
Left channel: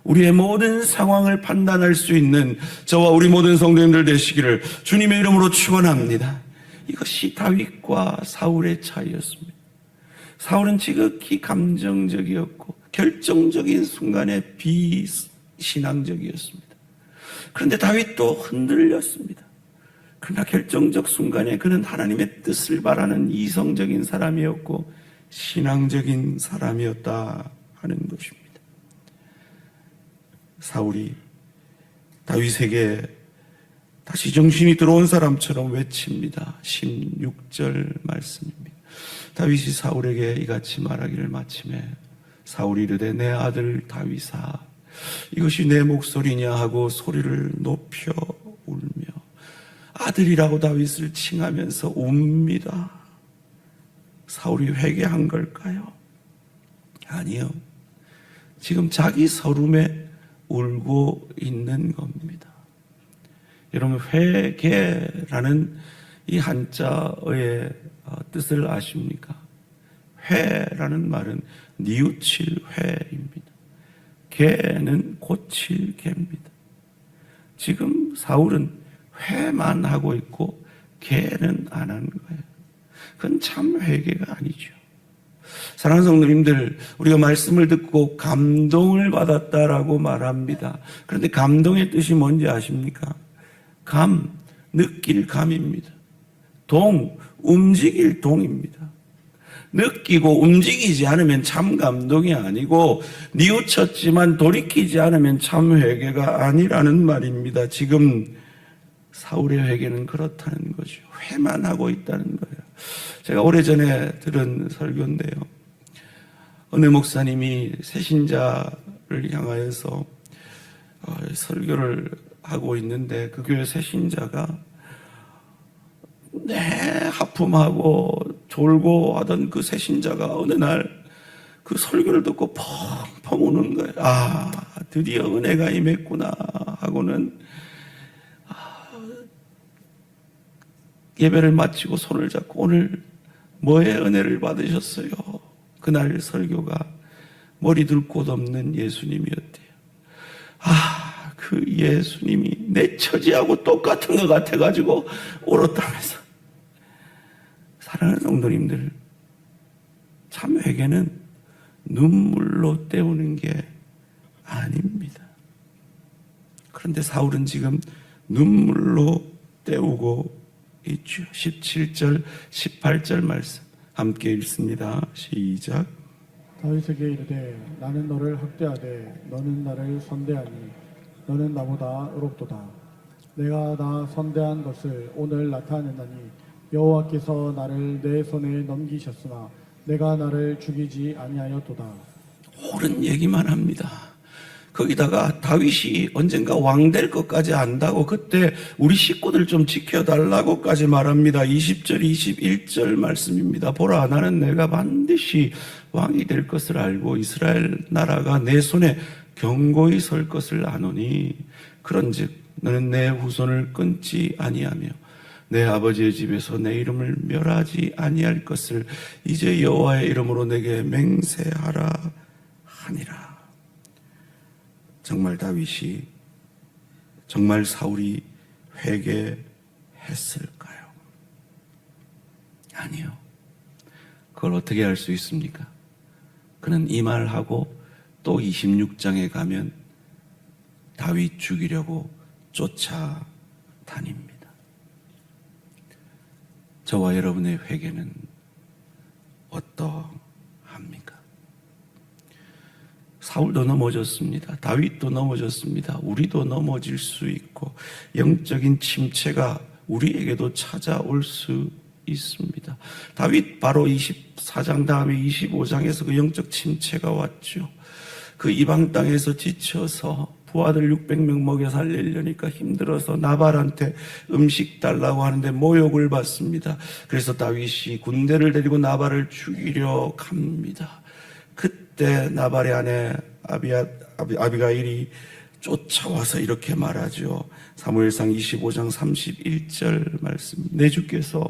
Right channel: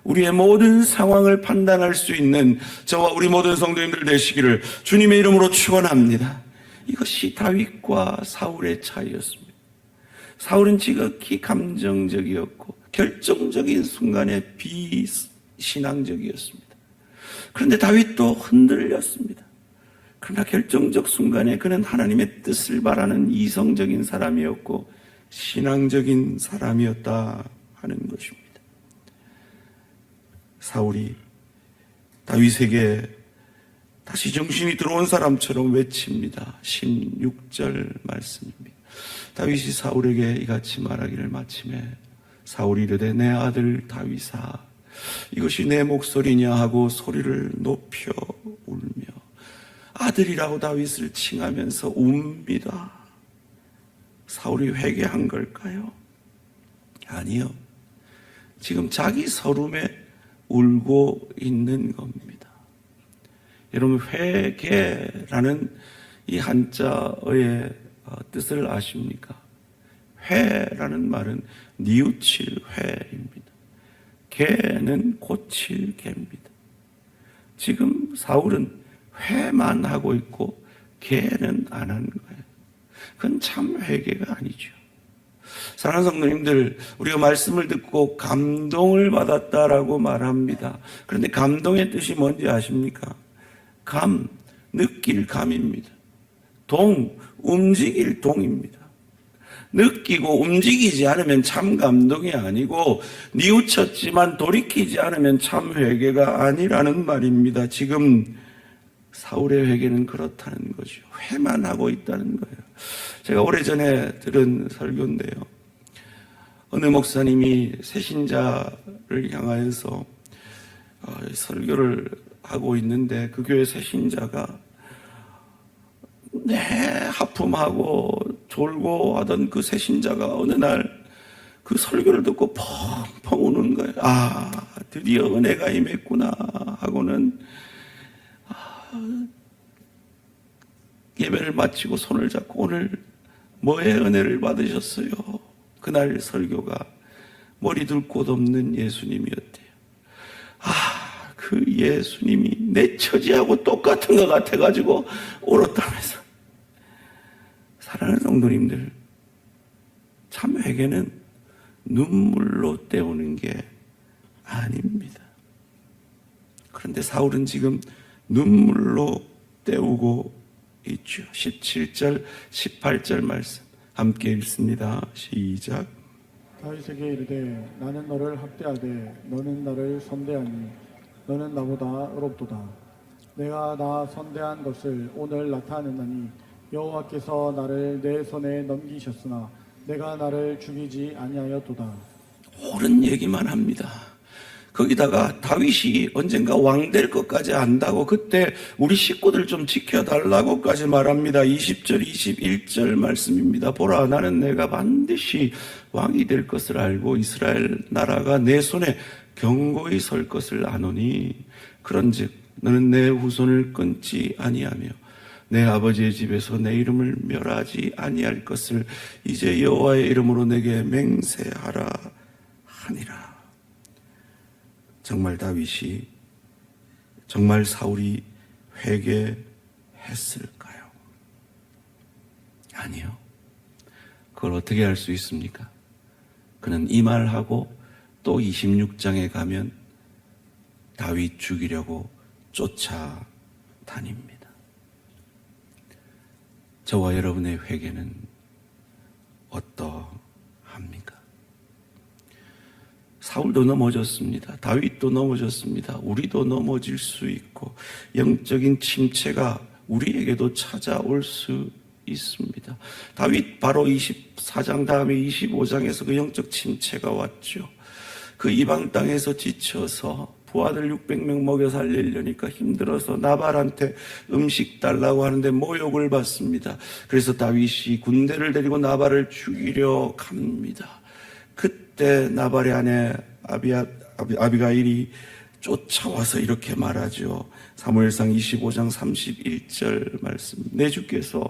우리의 모든 상황을 판단할 수 있는 저와 우리 모든 성도님들 되시기를 주님의 이름으로 축원합니다. 이것이 다윗과 사울의 차이였습니다. 사울은 지극히 감정적이었고 결정적인 순간에 비신앙적이었습니다. 그런데 다윗도 흔들렸습니다. 그러나 결정적 순간에 그는 하나님의 뜻을 바라는 이성적인 사람이었고 신앙적인 사람이었다 하는 것입니다. 사울이 다윗에게 다시 정신이 들어온 사람처럼 외칩니다. 16절 말씀입니다. 다윗이 사울에게 이같이 말하기를 마침에 사울이 이르되 내 아들 다윗아 이것이 내 목소리냐 하고 소리를 높여 울며 아들이라고 다윗을 칭하면서 웁니다. 사울이 회개한 걸까요? 아니요. 지금 자기 서름에 울고 있는 겁니다. 여러분, 회개라는 이 한자어의 뜻을 아십니까? 회라는 말은 뉘우칠 회입니다. 개는 고칠 개입니다. 지금 사울은 회만 하고 있고 개는 안 한 거예요. 그건 참 회개가 아니죠. 사랑하는 성도님들, 우리가 말씀을 듣고 감동을 받았다라고 말합니다. 그런데 감동의 뜻이 뭔지 아십니까? 감, 느낄 감입니다. 동, 움직일 동입니다. 느끼고 움직이지 않으면 참 감동이 아니고 뉘우쳤지만 돌이키지 않으면 참 회개가 아니라는 말입니다. 지금 사울의 회개는 그렇다는 거죠. 회만 하고 있다는 거예요. 제가 오래전에 들은 설교인데요. 어느 목사님이 새신자를 향하여서 설교를 하고 있는데 그 교회 새신자가 하품하고 졸고 하던 그 새신자가 어느 날 그 설교를 듣고 펑펑 우는 거예요. 아, 드디어 은혜가 임했구나 하고는 예배를 마치고 손을 잡고 오늘 뭐의 은혜를 받으셨어요? 그날 설교가 머리 둘 곳 없는 예수님이었대요. 그 예수님이 내 처지하고 똑같은 것 같아가지고 울었다면서. 사랑하는 성도님들, 참 회개는 눈물로 때우는 게 아닙니다. 그런데 사울은 지금 눈물로 때우고 있죠. 17절, 18절 말씀 함께 읽습니다. 시작. 다윗에게 이르되 나는 너를 학대하되 너는 나를 선대하니 너는 나보다 의롭도다. 내가 나 선대한 것을 오늘 나타내나니 여호와께서 나를 내 손에 넘기셨으나 내가 나를 죽이지 아니하였도다. 옳은 얘기만 합니다. 거기다가 다윗이 언젠가 왕 될 것까지 안다고 그때 우리 식구들 좀 지켜달라고까지 말합니다. 20절 21절 말씀입니다. 보라, 나는 내가 반드시 왕이 될 것을 알고 이스라엘 나라가 내 손에 견고히 설 것을 아노니 그런즉 너는 내 후손을 끊지 아니하며 내 아버지의 집에서 내 이름을 멸하지 아니할 것을 이제 여호와의 이름으로 내게 맹세하라 하니라. 정말 다윗이, 정말 사울이 회개했을까요? 아니요. 그걸 어떻게 할 수 있습니까? 그는 이 말하고 또 26장에 가면 다윗 죽이려고 쫓아다닙니다. 저와 여러분의 회개는 어떠합니까? 사울도 넘어졌습니다. 다윗도 넘어졌습니다. 우리도 넘어질 수 있고 영적인 침체가 우리에게도 찾아올 수 있습니다. 다윗 바로 24장 다음에 25장에서 그 영적 침체가 왔죠. 그 이방 땅에서 지쳐서 부하들 600명 먹여 살리려니까 힘들어서 나발한테 음식 달라고 하는데 모욕을 받습니다. 그래서 다윗이 군대를 데리고 나발을 죽이려 갑니다. 그때 나발의 아내 아비가일이 쫓아와서 이렇게 말하죠. 사무엘상 25장 31절 말씀. 내 주께서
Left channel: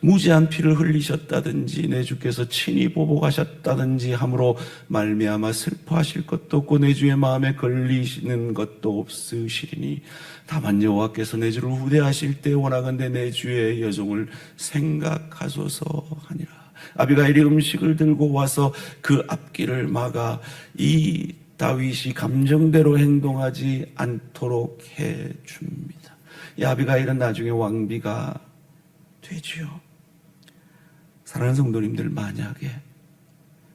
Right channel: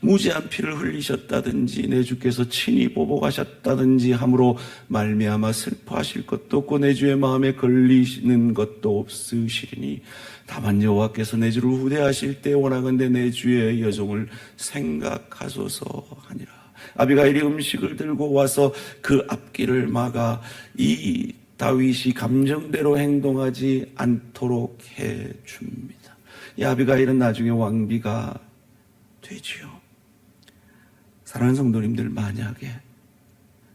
무죄한 피를 흘리셨다든지 내 주께서 친히 보복하셨다든지 함으로 말미암아 슬퍼하실 것도 없고 내 주의 마음에 걸리시는 것도 없으시리니 다만 여호와께서 내 주를 후대하실 때 원하건대 내 주의 여종을 생각하소서 하니라. 아비가일이 음식을 들고 와서 그 앞길을 막아 이 다윗이 감정대로 행동하지 않도록 해줍니다. 이 아비가일은 나중에 왕비가 되지요. 사랑하는 성도님들,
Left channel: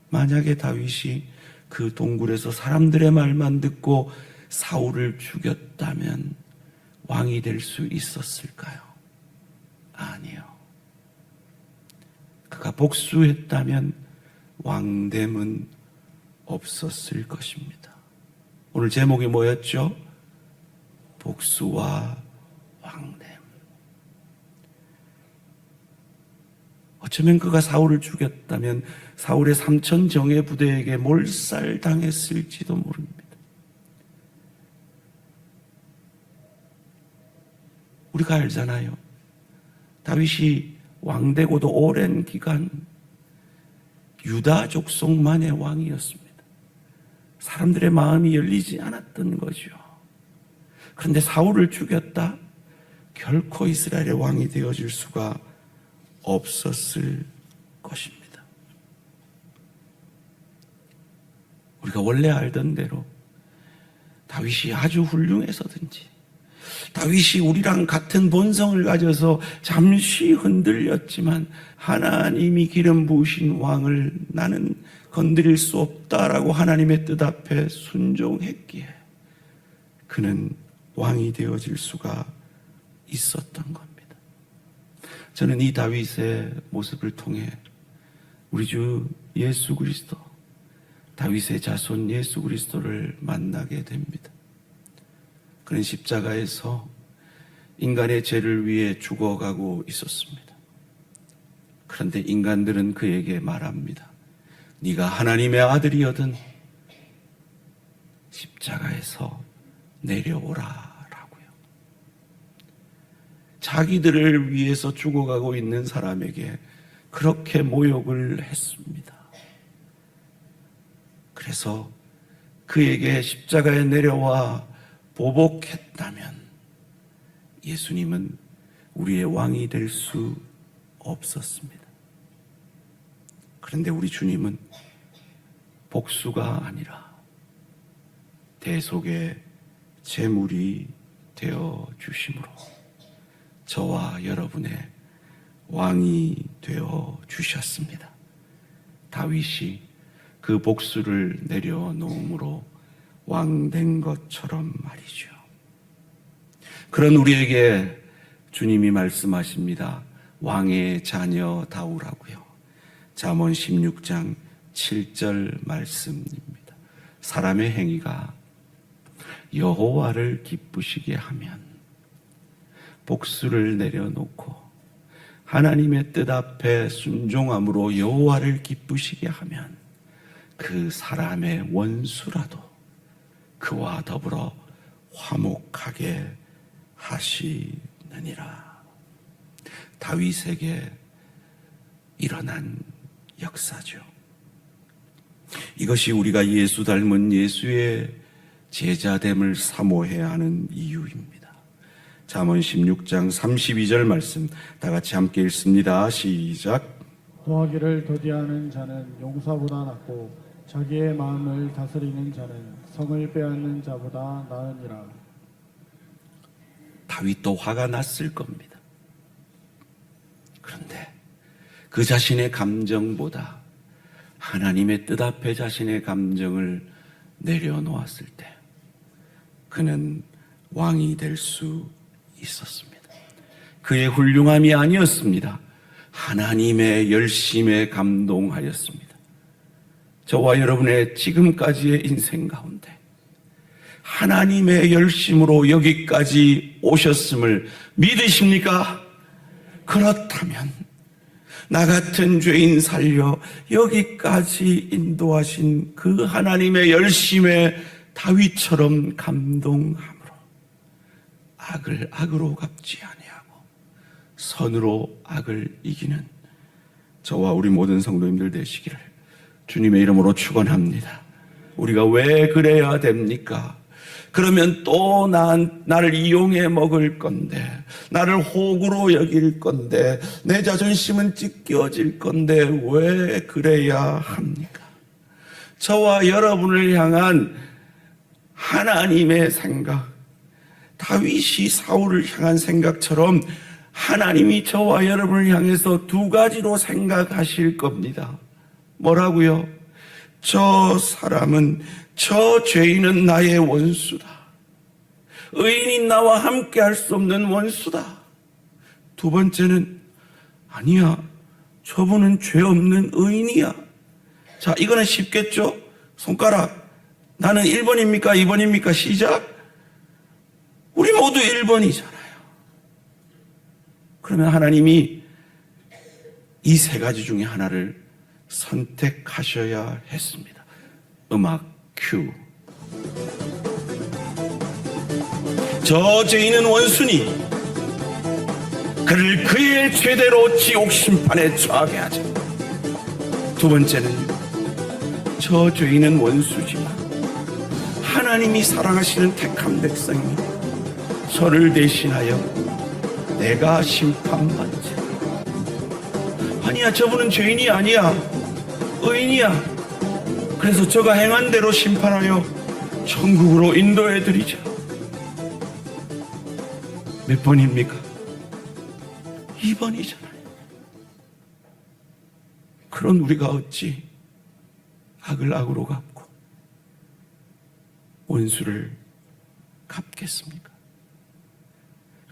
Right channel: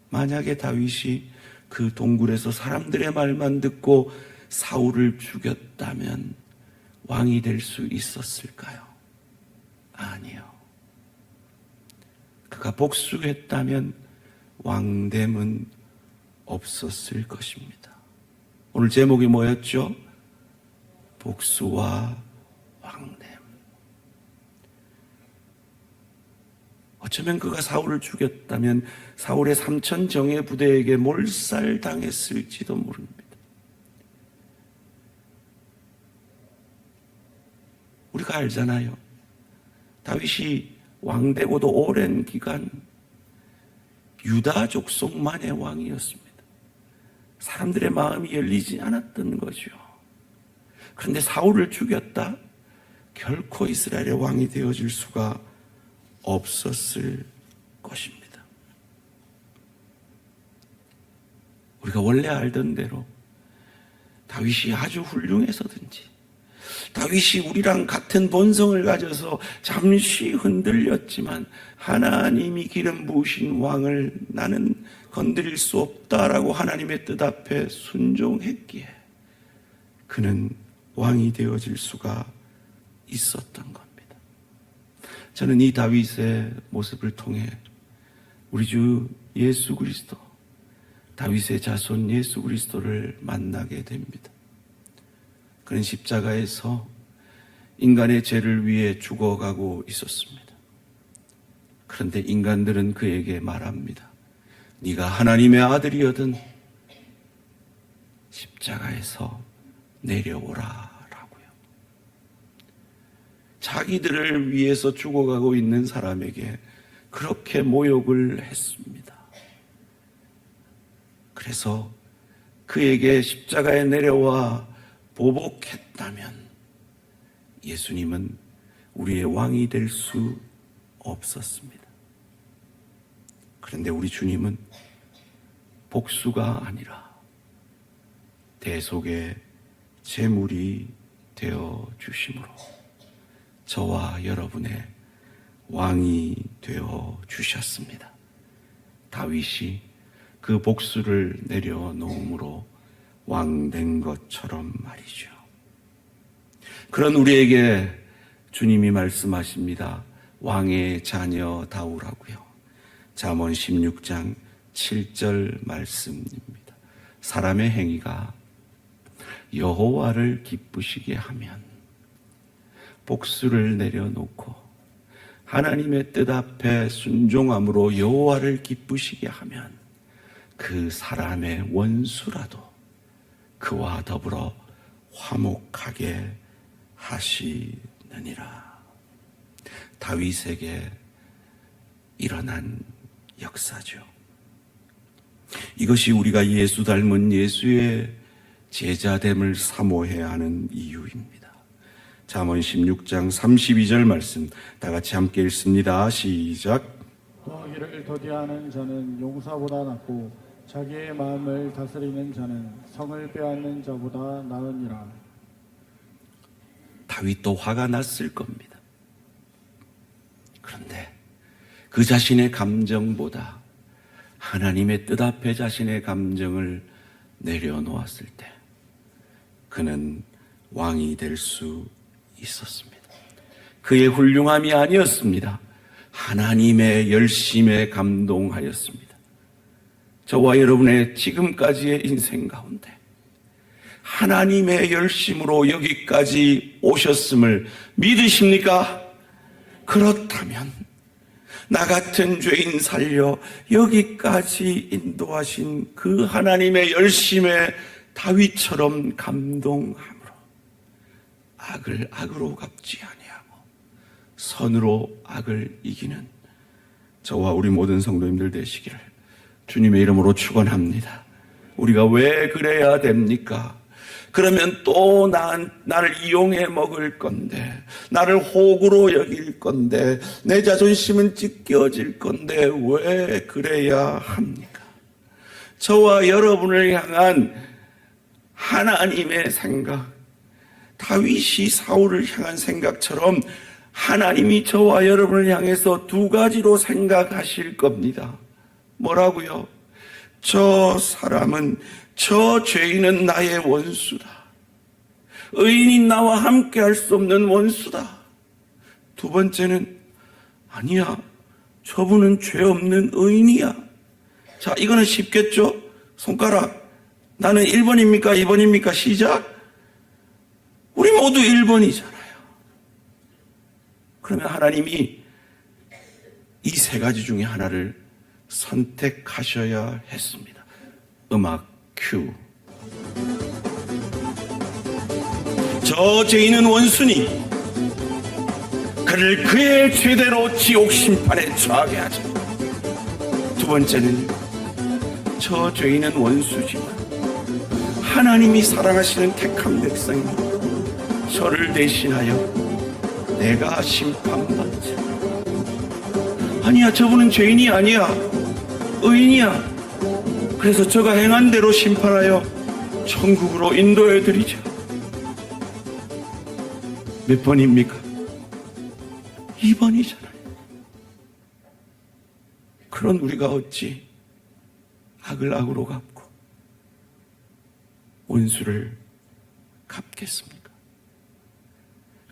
만약에 다윗이 그 동굴에서 사람들의 말만 듣고 사울을 죽였다면 왕이 될 수 있었을까요? 아니요. 그가 복수했다면 왕됨은 없었을 것입니다. 오늘 제목이 뭐였죠? 복수와 왕됨. 어쩌면 그가 사울을 죽였다면 사울의 3천 정예 부대에게 몰살당했을지도 모릅니다. 우리가 알잖아요. 다윗이 왕되고도 오랜 기간 유다 족속만의 왕이었습니다. 사람들의 마음이 열리지 않았던 거죠. 그런데 사울을 죽였다? 결코 이스라엘의 왕이 되어줄 수가 없었을 것입니다. 우리가 원래 알던 대로 다윗이 아주 훌륭해서든지 다윗이 우리랑 같은 본성을 가져서 잠시 흔들렸지만 하나님이 기름 부으신 왕을 나는 건드릴 수 없다라고 하나님의 뜻 앞에 순종했기에 그는 왕이 되어질 수가 있었던 겁니다. 저는 이 다윗의 모습을 통해 우리 주 예수 그리스도, 다윗의 자손 예수 그리스도를 만나게 됩니다. 그는 십자가에서 인간의 죄를 위해 죽어가고 있었습니다. 그런데 인간들은 그에게 말합니다. 네가 하나님의 아들이거든 십자가에서 내려오라 라고요. 자기들을 위해서 죽어가고 있는 사람에게 그렇게 모욕을 했습니다. 그래서 그에게 십자가에 내려와 보복했다면 예수님은 우리의 왕이 될 수 없었습니다. 그런데 우리 주님은 복수가 아니라 대속의 제물이 되어 주심으로 저와 여러분의 왕이 되어 주셨습니다. 다윗이 그 복수를 내려놓음으로 왕된 것처럼 말이죠. 그런 우리에게 주님이 말씀하십니다. 왕의 자녀다우라고요. 잠언 16장 7절 말씀입니다. 사람의 행위가 여호와를 기쁘시게 하면 복수를 내려놓고 하나님의 뜻 앞에 순종함으로 여호와를 기쁘시게 하면 그 사람의 원수라도 그와 더불어 화목하게 하시느니라. 다윗에게 일어난 역사죠. 이것이 우리가 예수 닮은 예수의 제자됨을 사모해야 하는 이유입니다. 잠언 16장 32절 말씀 다 같이 함께 읽습니다. 시작. 도하기를 더디하는 자는 용사보다 낫고 자기의 마음을 다스리는 자는 성을 빼앗는 자보다 나으니라. 다윗도 화가 났을 겁니다. 그런데 그 자신의 감정보다 하나님의 뜻 앞에 자신의 감정을 내려놓았을 때 그는 왕이 될 수 있었습니다. 그의 훌륭함이 아니었습니다. 하나님의 열심에 감동하였습니다. 저와 여러분의 지금까지의 인생 가운데 하나님의 열심으로 여기까지 오셨음을 믿으십니까? 그렇다면 나 같은 죄인 살려 여기까지 인도하신 그 하나님의 열심에 다윗처럼 감동함으로 악을 악으로 갚지 아니하고 선으로 악을 이기는 저와 우리 모든 성도님들 되시기를 주님의 이름으로 축원합니다. 우리가 왜 그래야 됩니까? 그러면 또 나를 이용해 먹을 건데, 나를 호구로 여길 건데, 내 자존심은 찢겨질 건데 왜 그래야 합니까? 저와 여러분을 향한 하나님의 생각, 다윗이 사울을 향한 생각처럼 하나님이 저와 여러분을 향해서 두 가지로 생각하실 겁니다. 뭐라고요? 저 사람은, 저 죄인은 나의 원수다. 의인이 나와 함께 할 수 없는 원수다. 두 번째는, 아니야, 저분은 죄 없는 의인이야. 자, 이거는 쉽겠죠? 손가락. 나는 1번입니까? 2번입니까? 시작. 우리 모두 1번이잖아요. 그러면 하나님이 이 세 가지 중에 하나를 선택하셔야 했습니다. 음악 큐. 저 죄인은 원수니 그를 그의 죄대로 지옥 심판에 처하게 하자. 두 번째는요, 저 죄인은 원수지만 하나님이 사랑하시는 택한 백성입니다. 저를 대신하여 내가 심판받자. 아니야, 저분은 죄인이 아니야, 의인이야. 그래서 저가 행한 대로 심판하여 천국으로 인도해 드리자. 몇 번입니까? 2번이잖아요. 그런 우리가 어찌 악을 악으로 갚고 원수를 갚겠습니까?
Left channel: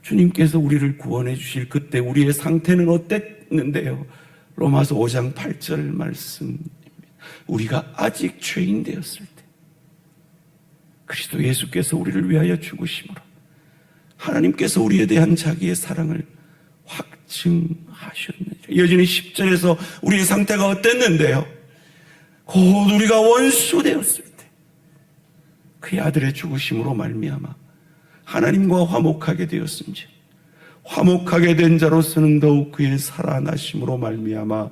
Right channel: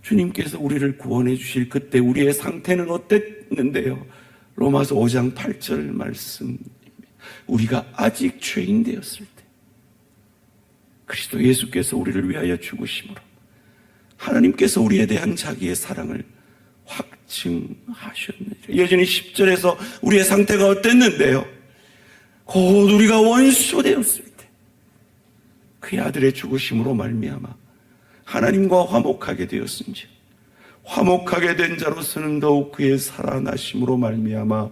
주님께서 우리를 구원해 주실 그때 우리의 상태는 어땠는데요? 로마서 5장 8절 말씀입니다. 우리가 아직 죄인 되었을 때 그리스도 예수께서 우리를 위하여 죽으심으로 하나님께서 우리에 대한 자기의 사랑을 확증하셨느니라. 여전히 10절에서 우리의 상태가 어땠는데요? 곧 우리가 원수 되었을 때 그의 아들의 죽으심으로 말미암아 하나님과 화목하게 되었은지 화목하게 된 자로서는 더욱 그의 살아나심으로 말미암아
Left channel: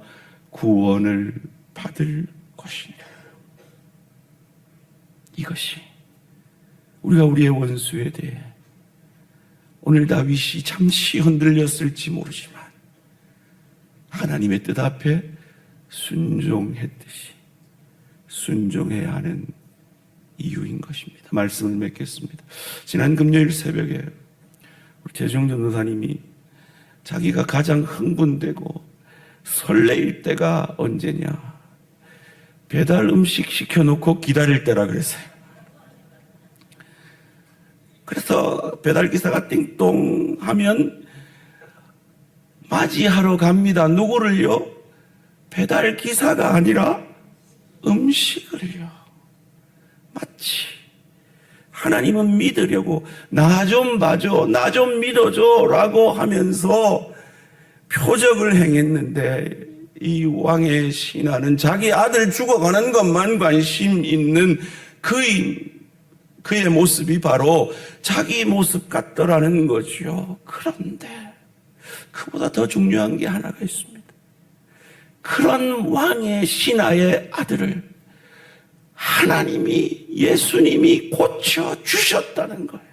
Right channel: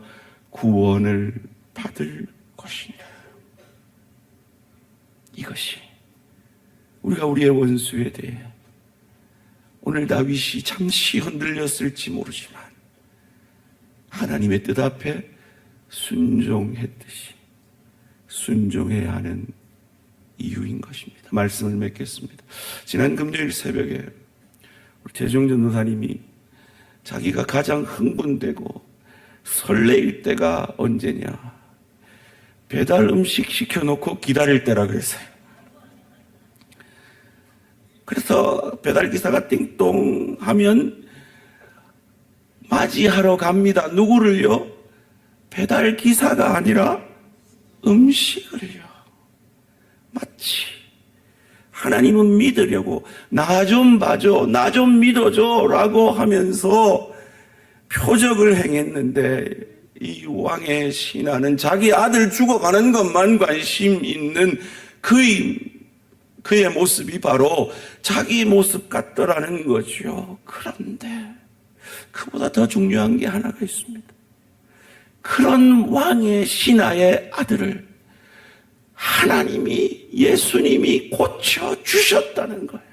구원을 받을 것이니라. 이것이 우리가 우리의 원수에 대해 오늘 다윗이 잠시 흔들렸을지 모르지만 하나님의 뜻 앞에 순종했듯이 순종해야 하는 이유인 것입니다. 말씀을 맺겠습니다. 지난 금요일 새벽에 우리 재중 전도사님이 자기가 가장 흥분되고 설레일 때가 언제냐, 배달 음식 시켜놓고 기다릴 때라 그랬어요. 그래서 배달기사가 띵동 하면 맞이하러 갑니다. 누구를요? 배달기사가 아니라 음식을요. 마치 하나님은 믿으려고 나 좀 봐줘, 나 좀 믿어줘 라고 하면서 표적을 행했는데 이 왕의 신하는 자기 아들 죽어가는 것만 관심 있는 그의 모습이 바로 자기 모습 같더라는 거죠. 그런데 그보다 더 중요한 게 하나가 있습니다. 그런 왕의 신하의 아들을 하나님이, 예수님이 고쳐주셨다는 거예요.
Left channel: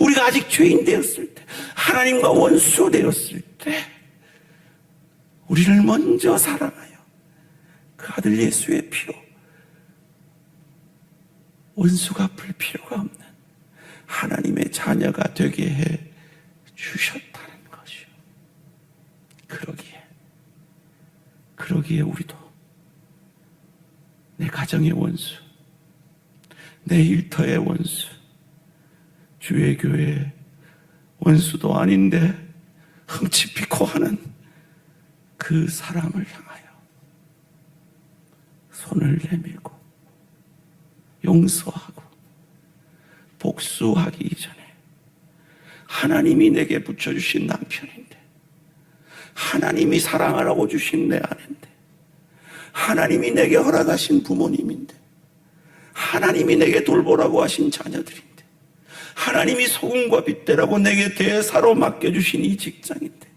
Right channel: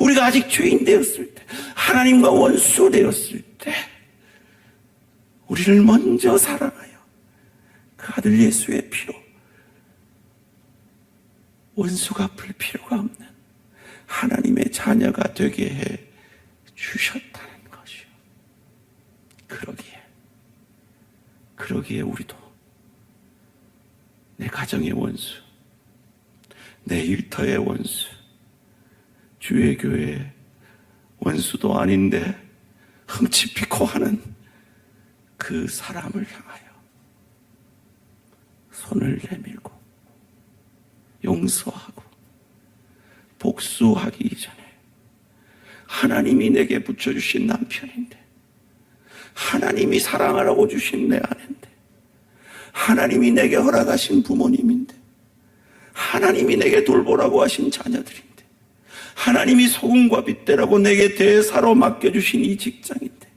우리가 아직 죄인 되었을 때, 하나님과 원수 되었을 때 우리를 먼저 사랑하여 그 아들 예수의 피로 원수 갚을 필요가 없는 하나님의 자녀가 되게 해 주셨다는 것이요. 그러기에 우리도 내 가정의 원수, 내 일터의 원수, 주의 교회의 원수도 아닌데 흠치피코 하는 그 사람을 향하여 손을 내밀고 용서하고 복수하기 전에, 하나님이 내게 붙여주신 남편인데, 하나님이 사랑하라고 주신 내 아내인데, 하나님이 내게 허락하신 부모님인데, 하나님이 내게 돌보라고 하신 자녀들인데, 하나님이 소금과 빗대라고 내게 대사로 맡겨주신 이 직장인데,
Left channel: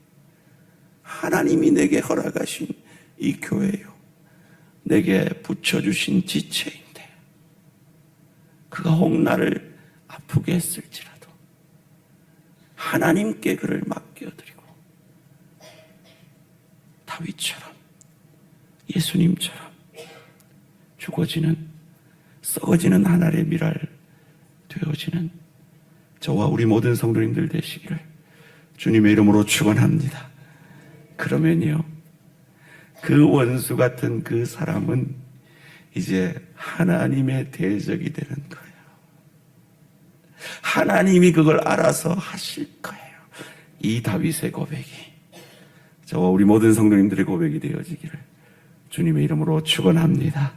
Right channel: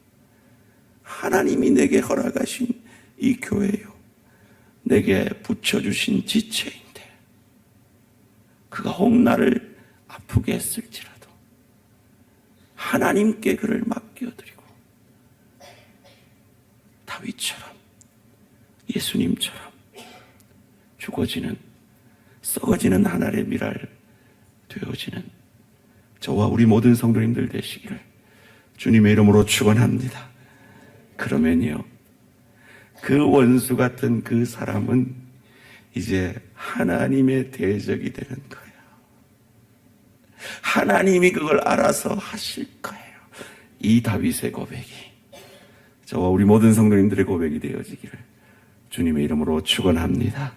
하나님이 내게 허락하신 이 교회요, 내게 붙여주신 지체인데, 그가 혹 나를 아프게 했을지라도 하나님께 그를 맡겨드리고, 다윗처럼, 예수님처럼 죽어지는, 썩어지는 한 알의 밀알 되어지는 저와 우리 모든 성도님들 되시기를 주님의 이름으로 축원합니다. 그러면요, 그 원수 같은 그 사람은 이제 하나님의 대적이 되는 거예요. 하나님이 그걸 알아서 하실 거예요. 이 다윗의 고백이 저와 우리 모든 성도님들의 고백이 되어지기를 주님의 이름으로 축원합니다.